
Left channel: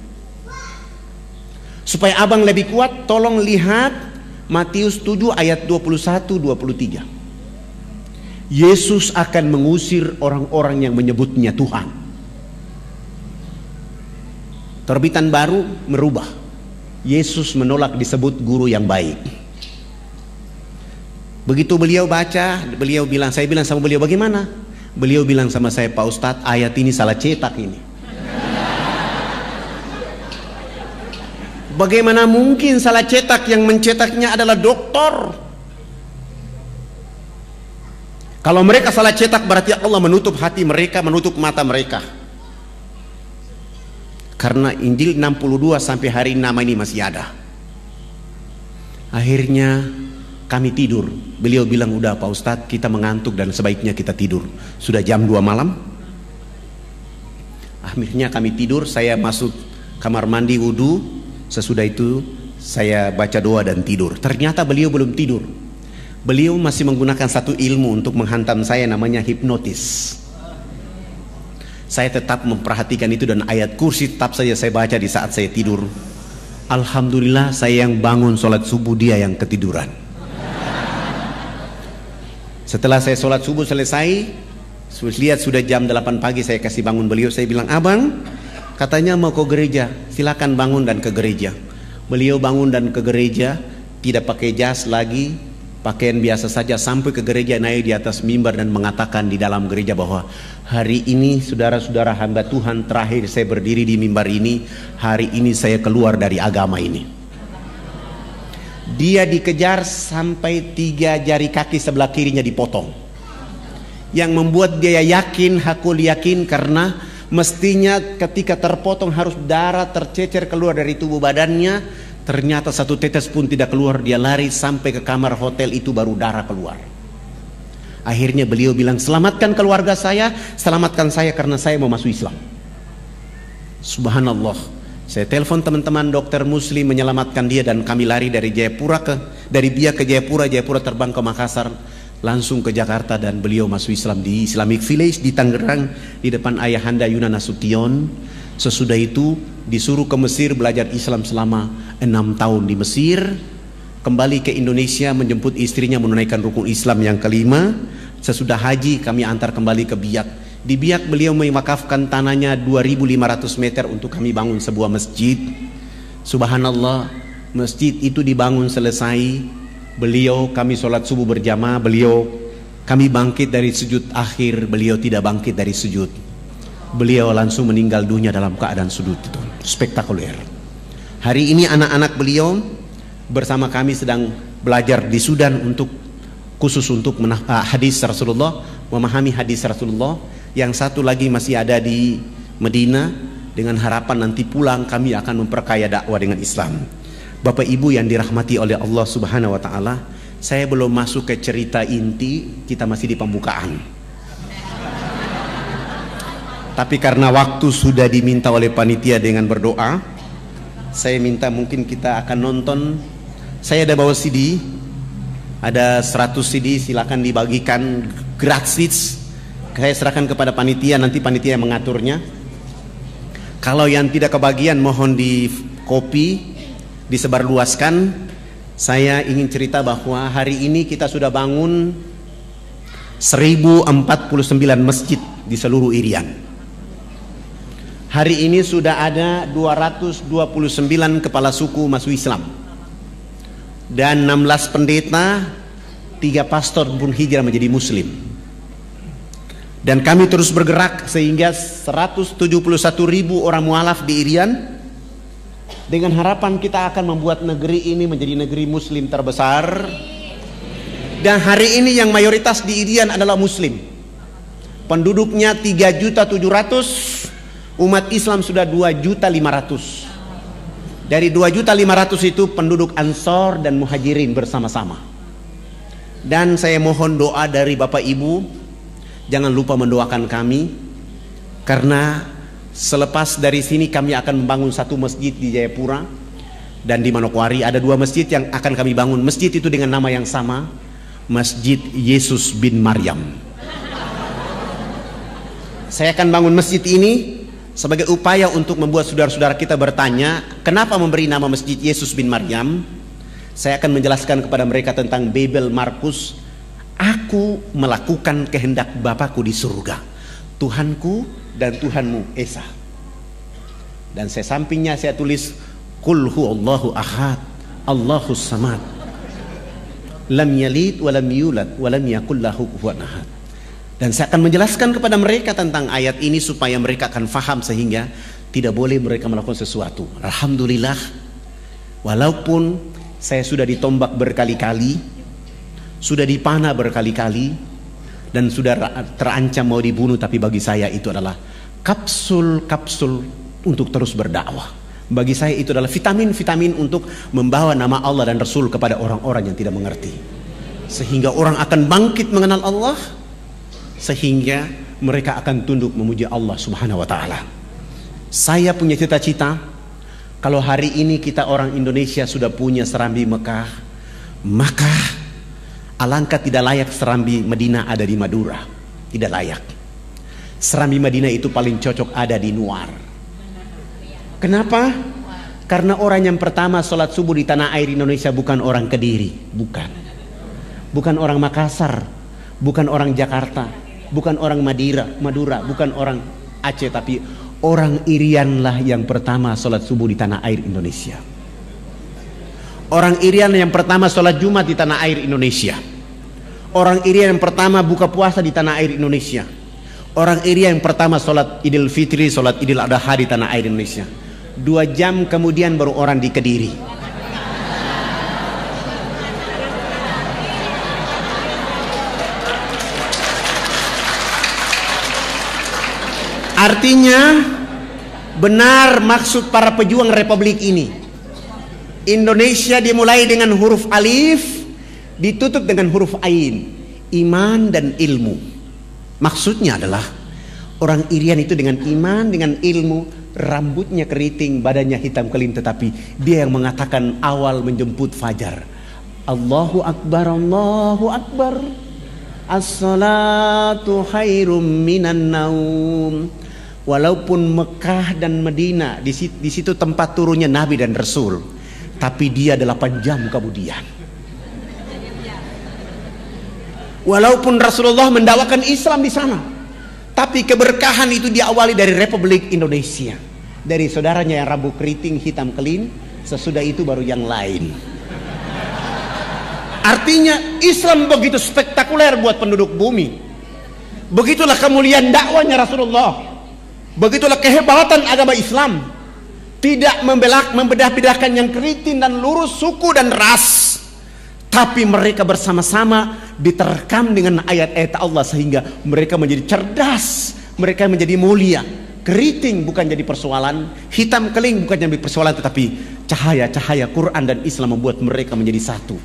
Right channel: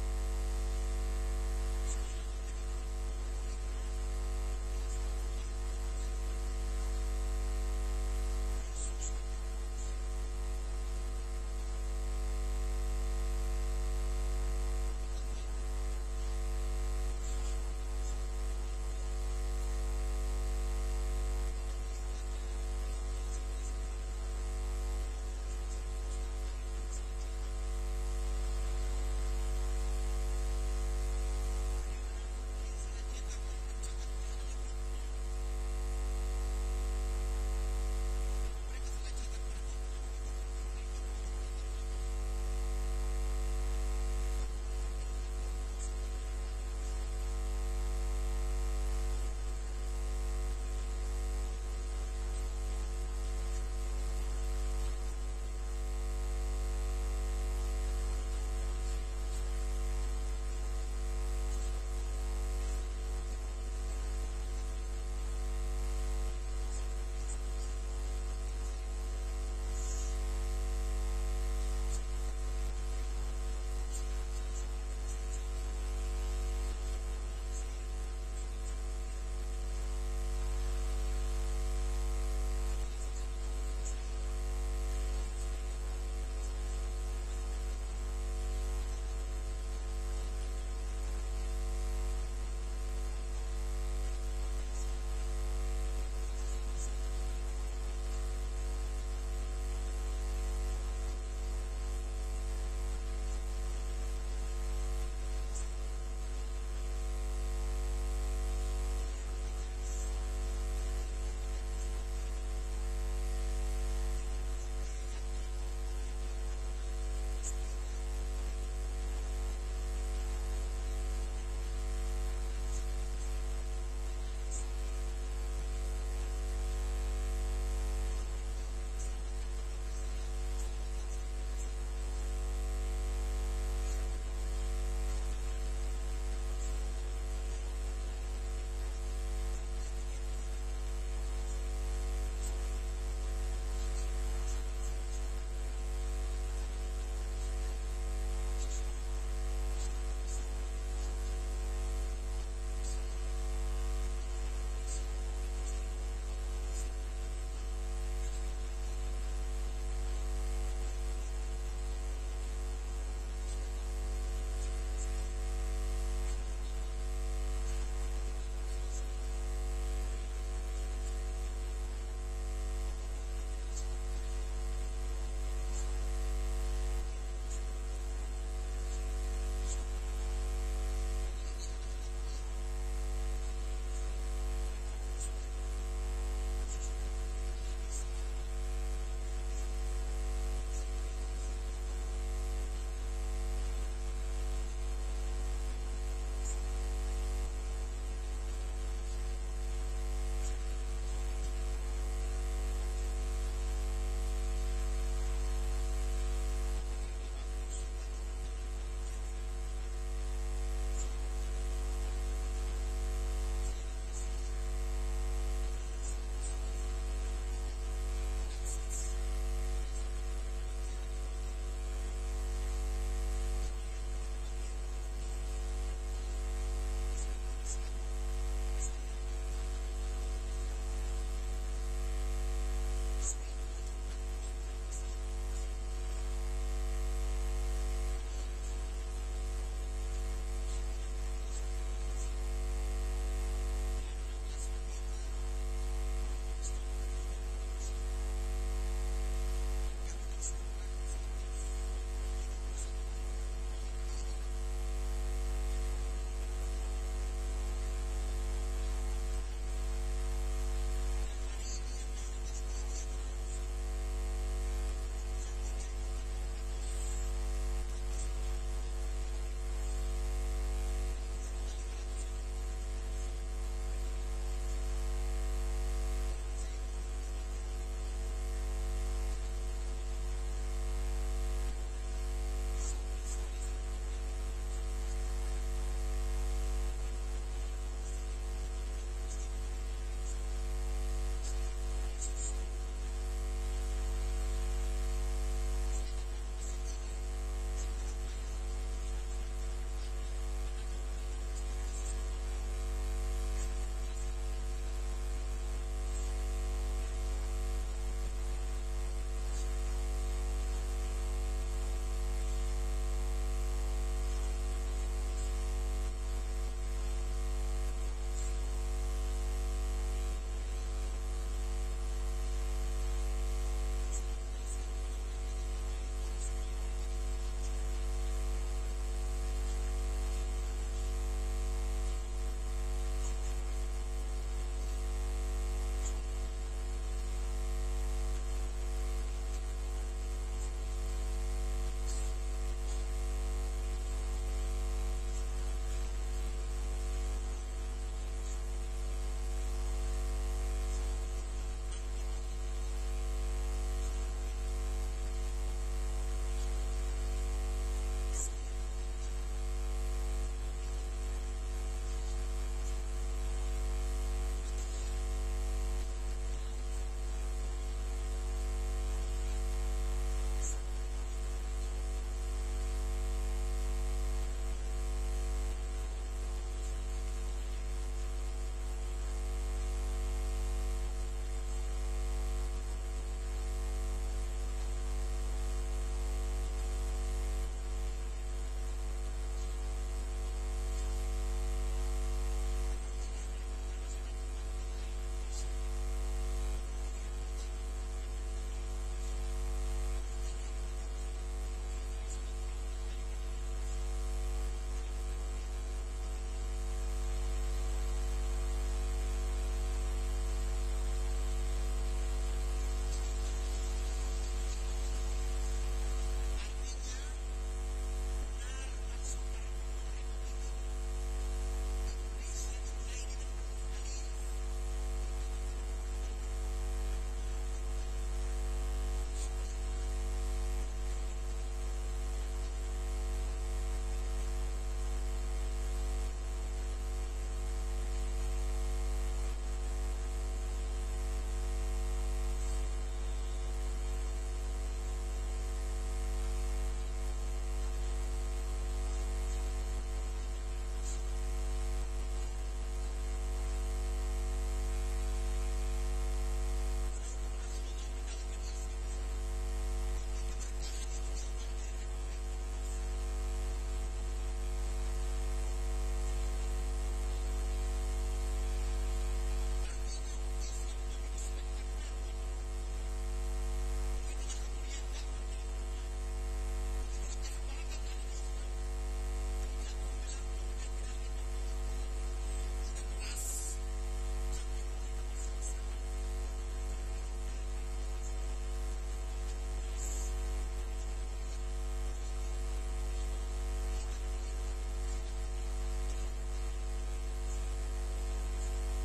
Supaya abang lebih kuat, tolong lihat Matius 7 ayat 21-23. Yesus akan mengusir orang-orang yang menyebutnya Tuhan. Terbitan baru merubah. Yesus menolak disebut guru yang baik. Begitu beliau baca, saya bilang sama beliau, bagaimana? Beliau bilang sama saya, Pak Ustadz, ayat ini salah cetak ini. Bagaimana mungkin salah cetak? Yang mencetaknya adalah doktor. Kalau mereka salah cetak berarti Allah menutup hati mereka, menutup mata mereka. Karena Injil 62 sampai hari ini nama ini masih ada. Akhirnya kami tidur. Beliau bilang, udah Pak Ustadz, kita mengantuk dan sebaiknya kita tidur. Sudah jam 2 malam. Akhirnya kami tidur. Saya masuk kamar mandi wudu. Sesudah itu saya baca doa dan tidur. Ternyata beliau belum tidur. Beliau masih menggunakan satu ilmu untuk menghantam saya, namanya hipnotis. Saya tetap memperhatikan itu dan ayat kursi tetap saja saya baca di saat saya tidur. Alhamdulillah, saya yang bangun sholat subuh, dia yang ketiduran. Setelah saya sholat subuh selesai, lihat sudah jam 8 pagi, saya kasih bangun beliau. Saya bilang, abang katanya mau ke gereja, silakan bangun dan ke gereja. Beliau bangun dan ke gereja, tidak pakai jas lagi, pakaian biasa saja, sampai ke gereja, naik di atas mimbar dan mengatakan di dalam gereja bahwa hari ini saudara-saudara hamba Tuhan, terakhir saya berdiri di mimbar ini, hari ini saya keluar dari agama ini. Dia dikejar sampai 3 jari kaki sebelah kirinya dipotong. Yang membuat dia yakin, hakul yakin, karena mestinya ketika terpotong harus darah tercecer keluar dari tubuh badannya. Ternyata satu tetes pun tidak keluar. Dia lari sampai ke kamar hotel itu, baru darah keluar. Akhirnya beliau bilang, selamatkan keluarga saya, selamatkan saya karena saya mau masuk Islam. Subhanallah. Saya telepon teman-teman dokter muslim menyelamatkan dia, dan kami lari dari Biak ke Jayapura, Jayapura terbang ke Makassar, langsung ke Jakarta, dan beliau masuk Islam di Islamic Village di Tangerang di depan ayahanda Yuna Nasution. Sesudah itu disuruh ke Mesir belajar Islam selama 6 tahun di Mesir. Kembali ke Indonesia menjemput istrinya menunaikan rukun Islam yang kelima. Sesudah haji kami antar kembali ke Biak. Di Biak beliau mewakafkan tanahnya 2.500 meter untuk kami bangun sebuah masjid. Subhanallah, masjid itu dibangun selesai. Kami sholat subuh berjamaah. Kami bangkit dari sujud akhir. Beliau tidak bangkit dari sujud. Beliau langsung meninggal dunia dalam keadaan sujud itu. Spektakuler. Hari ini anak-anak beliau bersama kami sedang belajar di Sudan khusus untuk hadis Rasulullah, memahami hadis Rasulullah. Yang satu lagi masih ada di Medina, dengan harapan nanti pulang kami akan memperkaya dakwah dengan Islam. Bapak Ibu yang dirahmati oleh Allah Subhanahu wa taala, saya belum masuk ke cerita inti, kita masih di pembukaan. Tapi karena waktu sudah diminta oleh panitia dengan berdoa, saya minta mungkin kita akan nonton. Saya ada bawa CD, ada 100 CD, silakan dibagikan gratis. Saya serahkan kepada panitia, nanti panitia yang mengaturnya. Kalau yang tidak kebagian mohon di copy, disebarluaskan. Saya ingin cerita bahwa hari ini kita sudah bangun 1049 masjid di seluruh Irian. Hari ini sudah ada 229 kepala suku masuk Islam, dan 16 pendeta, 3 pastor pun hijrah menjadi muslim. Dan kami terus bergerak sehingga 171.000 orang mualaf di Irian, dengan harapan kita akan membuat negeri ini menjadi negeri muslim terbesar. Dan hari ini yang mayoritas di Irian adalah muslim. Penduduknya 3.700.000, umat Islam sudah 2.500.000. Dari 2.500.000 itu penduduk Ansor dan Muhajirin bersama-sama. Dan saya mohon doa dari Bapak Ibu, jangan lupa mendoakan kami, karena selepas dari sini kami akan membangun satu masjid di Jayapura dan di Manokwari. Ada 2 masjid yang akan kami bangun. Masjid itu dengan nama yang sama, Masjid Yesus bin Maryam. Saya akan bangun masjid ini sebagai upaya untuk membuat saudara-saudara kita bertanya, kenapa memberi nama Masjid Yesus bin Maryam? Saya akan menjelaskan kepada mereka tentang Babel Markus. Aku melakukan kehendak Bapakku di surga, Tuhanku dan Tuhanmu Esa. Dan saya sampingnya saya tulis Qul huwallahu ahad, Allahus samad, lam yalid walam yulad walam yakul lahu kufuwan ahad. Dan saya akan menjelaskan kepada mereka tentang ayat ini supaya mereka akan faham, sehingga tidak boleh mereka melakukan sesuatu. Alhamdulillah, walaupun saya sudah ditombak berkali-kali, sudah dipanah berkali-kali, dan sudah terancam mau dibunuh, tapi bagi saya itu adalah kapsul-kapsul untuk terus berdakwah. Bagi saya itu adalah vitamin-vitamin untuk membawa nama Allah dan Rasul kepada orang-orang yang tidak mengerti, sehingga orang akan bangkit mengenal Allah, sehingga mereka akan tunduk memuji Allah Subhanahu wa taala. Saya punya cita-cita, kalau hari ini kita orang Indonesia sudah punya serambi Mekah, maka alangkah tidak layak serambi Madinah ada di Madura. Tidak layak. Serambi Madinah itu paling cocok ada di Nuar. Kenapa? Karena orang yang pertama sholat subuh di tanah air Indonesia bukan orang Kediri, bukan orang Makassar, bukan orang Jakarta, bukan orang Madura, bukan orang Aceh, tapi orang Irian lah yang pertama sholat subuh di tanah air Indonesia. Orang Irian yang pertama sholat Jumat di tanah air Indonesia. Orang Irian yang pertama buka puasa di tanah air Indonesia. Orang Irian yang pertama sholat Idul Fitri, sholat Idul Adha di tanah air Indonesia. 2 jam kemudian baru orang di Kediri. Artinya benar maksud para pejuang republik ini. Indonesia dimulai dengan huruf alif, ditutup dengan huruf ain, iman dan ilmu. Maksudnya adalah orang Irian itu dengan iman, dengan ilmu, rambutnya keriting, badannya hitam kelim, tetapi dia yang mengatakan awal menjemput fajar. Allahu Akbar, Allahu Akbar, as-salatu khairum minan naum. Walaupun Mekah dan Madinah di situ tempat turunnya Nabi dan Rasul, tapi dia 8 jam kemudian. Walaupun Rasulullah mendakwakan Islam di sana, tapi keberkahan itu diawali dari Republik Indonesia, dari saudaranya yang rambut keriting hitam kelim. Sesudah itu baru yang lain. Artinya Islam begitu spektakuler buat penduduk bumi. Begitulah kemuliaan dakwanya Rasulullah. Begitulah kehebatan agama Islam. Tidak membedah-bedahkan yang keriting dan lurus, suku dan ras, tapi mereka bersama-sama diterkam dengan ayat-ayat Allah, sehingga mereka menjadi cerdas, mereka menjadi mulia. Keriting bukan jadi persoalan, hitam keling bukan jadi persoalan, tetapi cahaya-cahaya Quran dan Islam membuat mereka menjadi satu.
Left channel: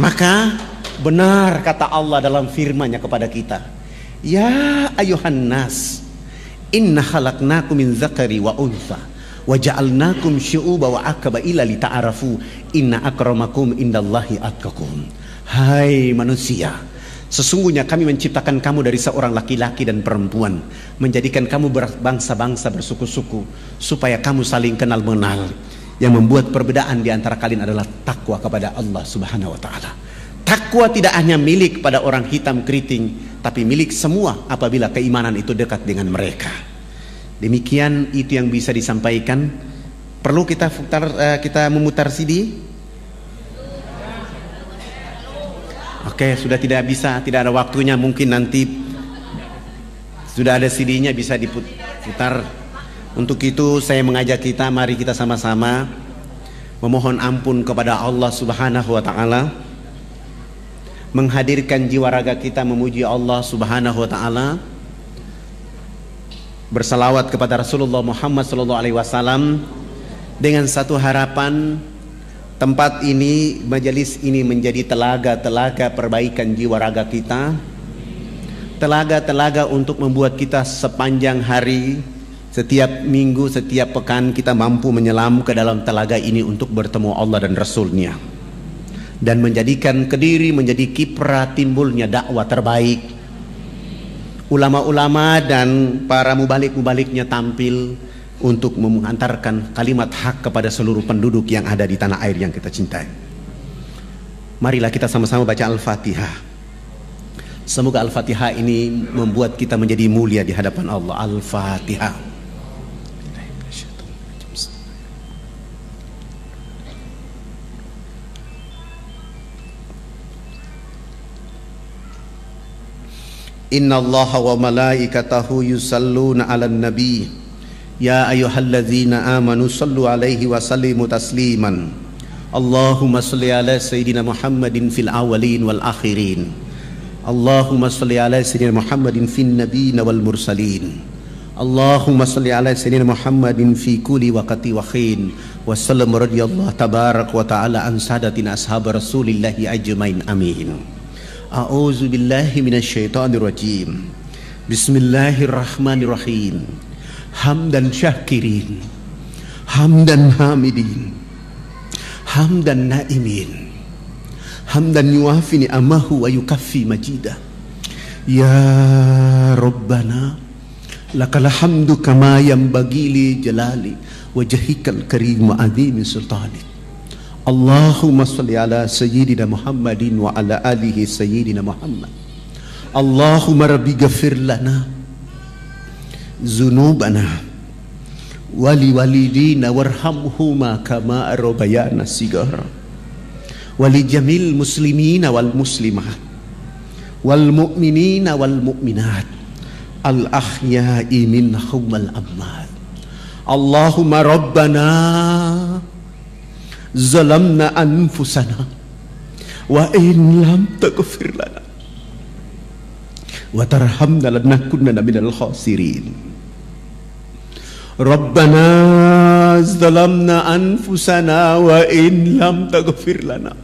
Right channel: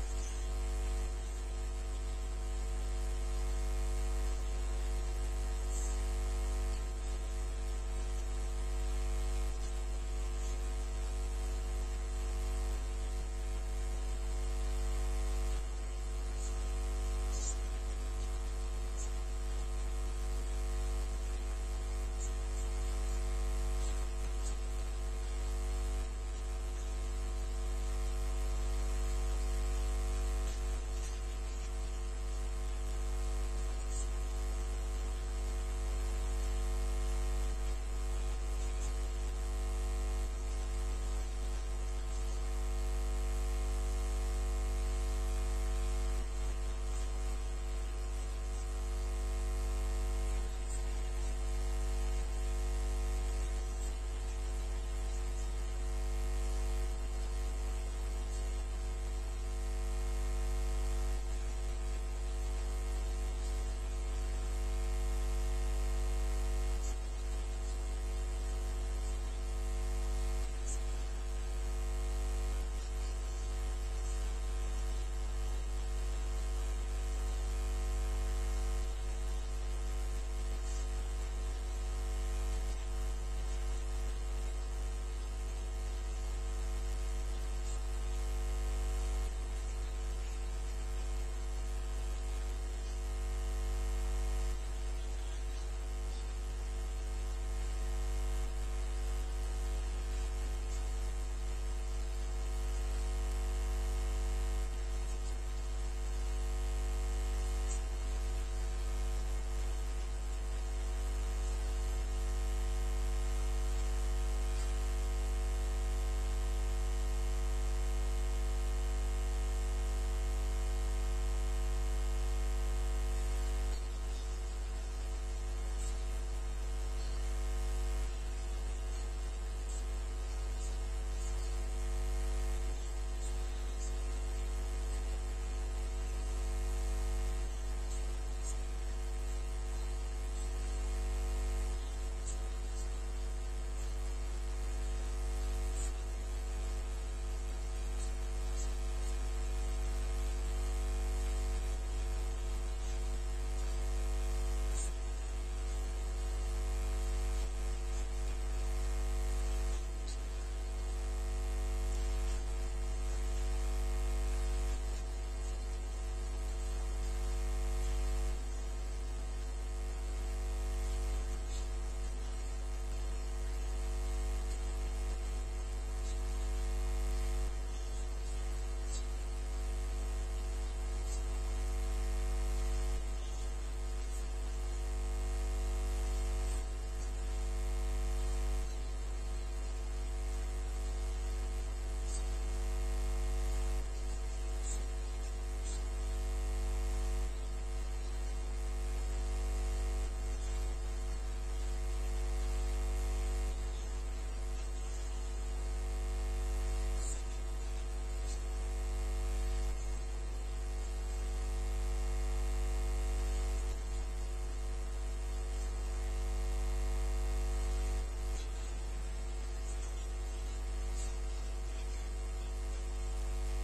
Maka benar kata Allah dalam firman-Nya kepada kita, ya ayuhan nas, inna khalaqnakum min dzakari wa untha wa ja'alnakum syu'uba wa aqbaila lita'arafu inna akramakum indallahi atqakum. Hai manusia, sesungguhnya kami menciptakan kamu dari seorang laki-laki dan perempuan, menjadikan kamu berbangsa-bangsa, bersuku-suku, supaya kamu saling kenal mengenal. Yang membuat perbedaan di antara kalian adalah takwa kepada Allah Subhanahu wa taala. Takwa tidak hanya milik pada orang hitam keriting, tapi milik semua apabila keimanan itu dekat dengan mereka. Demikian itu yang bisa disampaikan. Perlu kita memutar CD? Oke, sudah tidak bisa, tidak ada waktunya. Mungkin nanti sudah ada CD-nya bisa diputar. Untuk itu saya mengajak kita, mari kita sama-sama memohon ampun kepada Allah Subhanahu wa taala, menghadirkan jiwa raga kita memuji Allah Subhanahu wa taala, bersalawat kepada Rasulullah Muhammad sallallahu alaihi wasallam dengan satu harapan, tempat ini, majelis ini menjadi telaga-telaga perbaikan jiwa raga kita, telaga-telaga untuk membuat kita sepanjang hari, setiap minggu, setiap pekan kita mampu menyelam ke dalam telaga ini untuk bertemu Allah dan Rasulnya, dan menjadikan Kediri menjadi kiprah timbulnya dakwah terbaik. Ulama-ulama dan para mubalik-mubaliknya tampil untuk mengantarkan kalimat hak kepada seluruh penduduk yang ada di tanah air yang kita cintai. Marilah kita sama-sama baca Al-Fatihah. Semoga Al-Fatihah ini membuat kita menjadi mulia di hadapan Allah. Al-Fatihah. Inna Allaha wa malaikatahu yusalluna ala nabi ya ayyuhalladzina amanu sallu alaihi wa sallimu tasliman. Allahumma salli ala sayyidina Muhammadin fil awwalin wal akhirin. Allahumma salli ala sayyidina Muhammadin fin nabiyina wal mursalin. Allahumma salli ala sayyidina Muhammadin fi kulli waqti wa khin. Wa sallam radhiyallahu tabarak wa ta'ala an sadatina ashab Rasulillahi ajmain. Amin. A'udzu billahi minasyaitonir rajim. Bismillahirrahmanirrahim. Hamdan syakirin, hamdan hamidin, hamdan naimin, hamdan yuafi ni'amahu wa yukaffi majidah. Ya Rabbana lakal hamdu kama yanbaghi li jalali wajhikal karim wa azimi sultanik. Allahumma salli ala sayyidina Muhammadin wa ala alihi sayyidina Muhammad. Allahumma rabbi ghafir lana zunubana wali walidina warhamhuma kama rabbayana sigara wali jamil muslimina wal muslimat wal mu'minina wal mu'minat al ahya'i minhum wal amwat. Allahumma rabbana zalamna anfusana wa in lam taghfir lana wa tarhamna lanakunanna minal khasirin. Rabbana zalamna anfusana wa in lam taghfir lana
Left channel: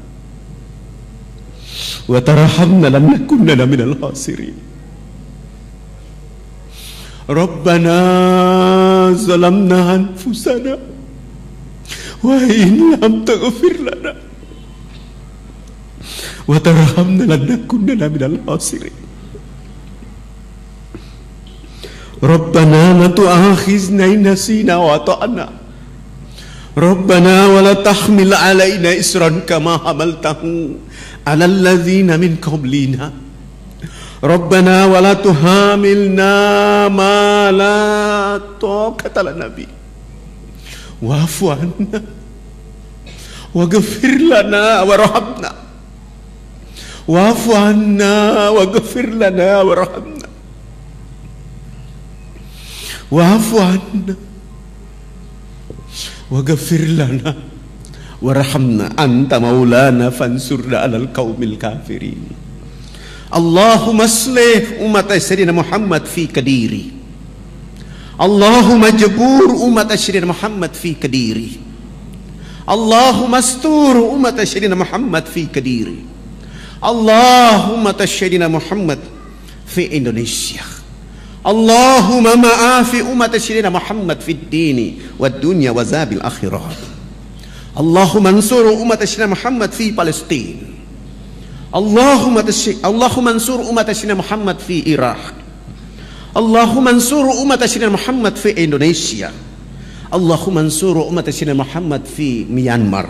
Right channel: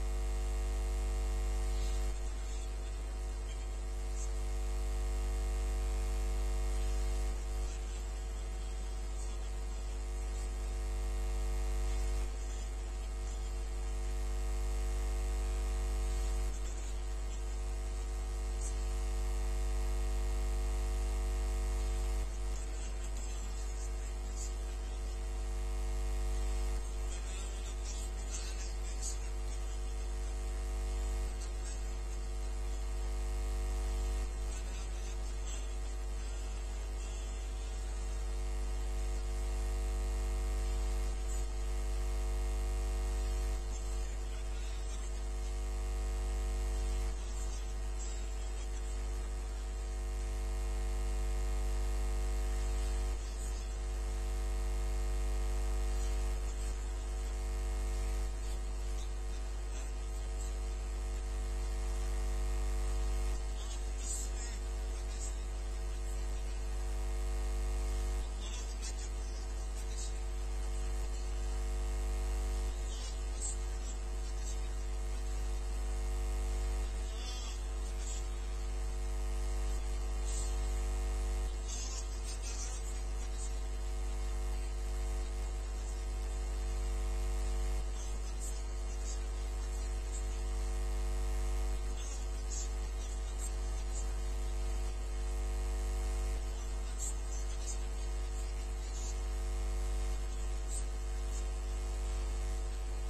wa tarhamna lanakunanna minal khasirin. Rabbana zalamna anfusana wa in lam taghfir lana wa tarhamna lanakunanna minal khasirin. Rabbana la tu'akhizna in nasina wa ata'na. Rabbana wa la tahmil alaina isran kama hamaltahu ala alladzina min qablina. Rabbana wa la tuhamilna ma la taqata lana bi. Wa'fu anna waghfir lana warhamna. Wa'fu anna waghfir lana warhamna. Wa'fu anna waghfir lana warhamna anta maulana fansurna 'alal qaumil kafirin. Allahumma aslih umat Sayyidina Muhammad fi Kediri. Allahumma jabur umat Sayyidina Muhammad fi Kediri. Allahumma astur umat Sayyidina Muhammad fi Kediri. Allahumma Sayyidina Muhammad fi Indonesia. Allahumma ma'afi umat Sayyidina Muhammad fi dini wad dunya wa zabil akhirah. Allahumma ansur umat Sayyidina Muhammad fi Palestina. Allahumma ansur umat Sayyidina Muhammad fi Iraq. Allahumma ansur umat Sayyidina Muhammad fi Indonesia. Allahumma ansur umat Sayyidina Muhammad fi Myanmar.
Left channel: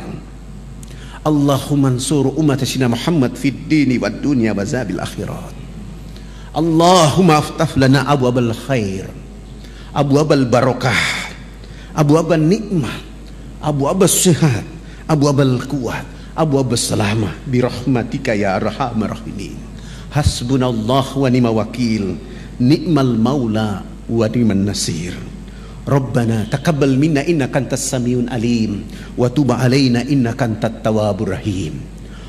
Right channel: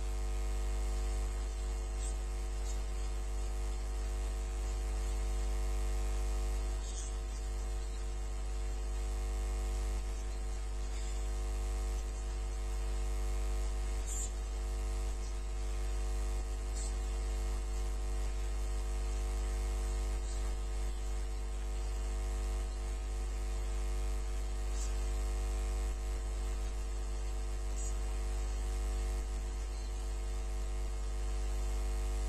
Allahumma ansur umat Sayyidina Muhammad fi dini wad dunya wa zabil akhirat. Allahumma aftah lana abwabal khair, abwabal barakah, abwabal nikmah, abwabal sihat, abwabal quwwat, abwaab salamah birahmatika ya arhamar rahimin. Hasbunallah wa ni'mal wakil, ni'mal maula wa ni'man nasir. Rabbana taqabbal minna innaka antas samiun alim wa tub alaina innaka antat tawwabur rahim.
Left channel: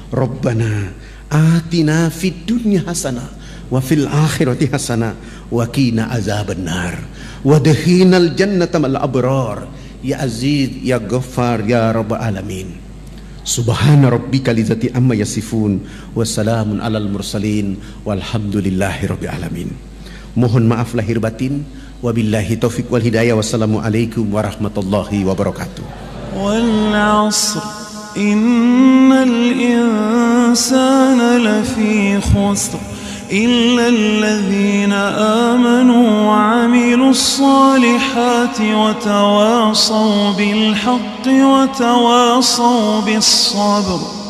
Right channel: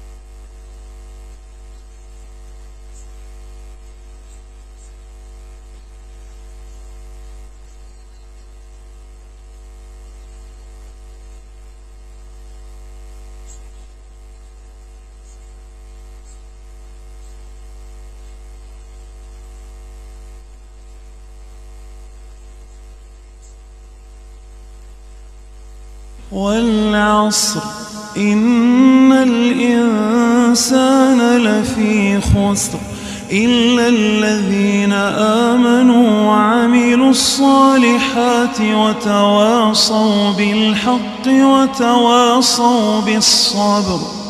Rabbana atina fid dunya hasanah wa fil akhirati hasanah wa qina azabannar wa adkhilnal jannata mal abrar ya aziz ya ghaffar ya rabbal alamin. Subhana rabbika lidzati amma yasifun wa salamun alal mursalin walhamdulillahi rabbil alamin. Mohon maaf lahir batin. Wabillahi taufiq wal hidayah. Wassalamualaikum warahmatullahi wabarakatuh. Wal 'asr innal insana lafi khusr illa alladhina amanu wa 'amilus salihati wa tawasaw bil haqqi wa tawasaw bis sabr.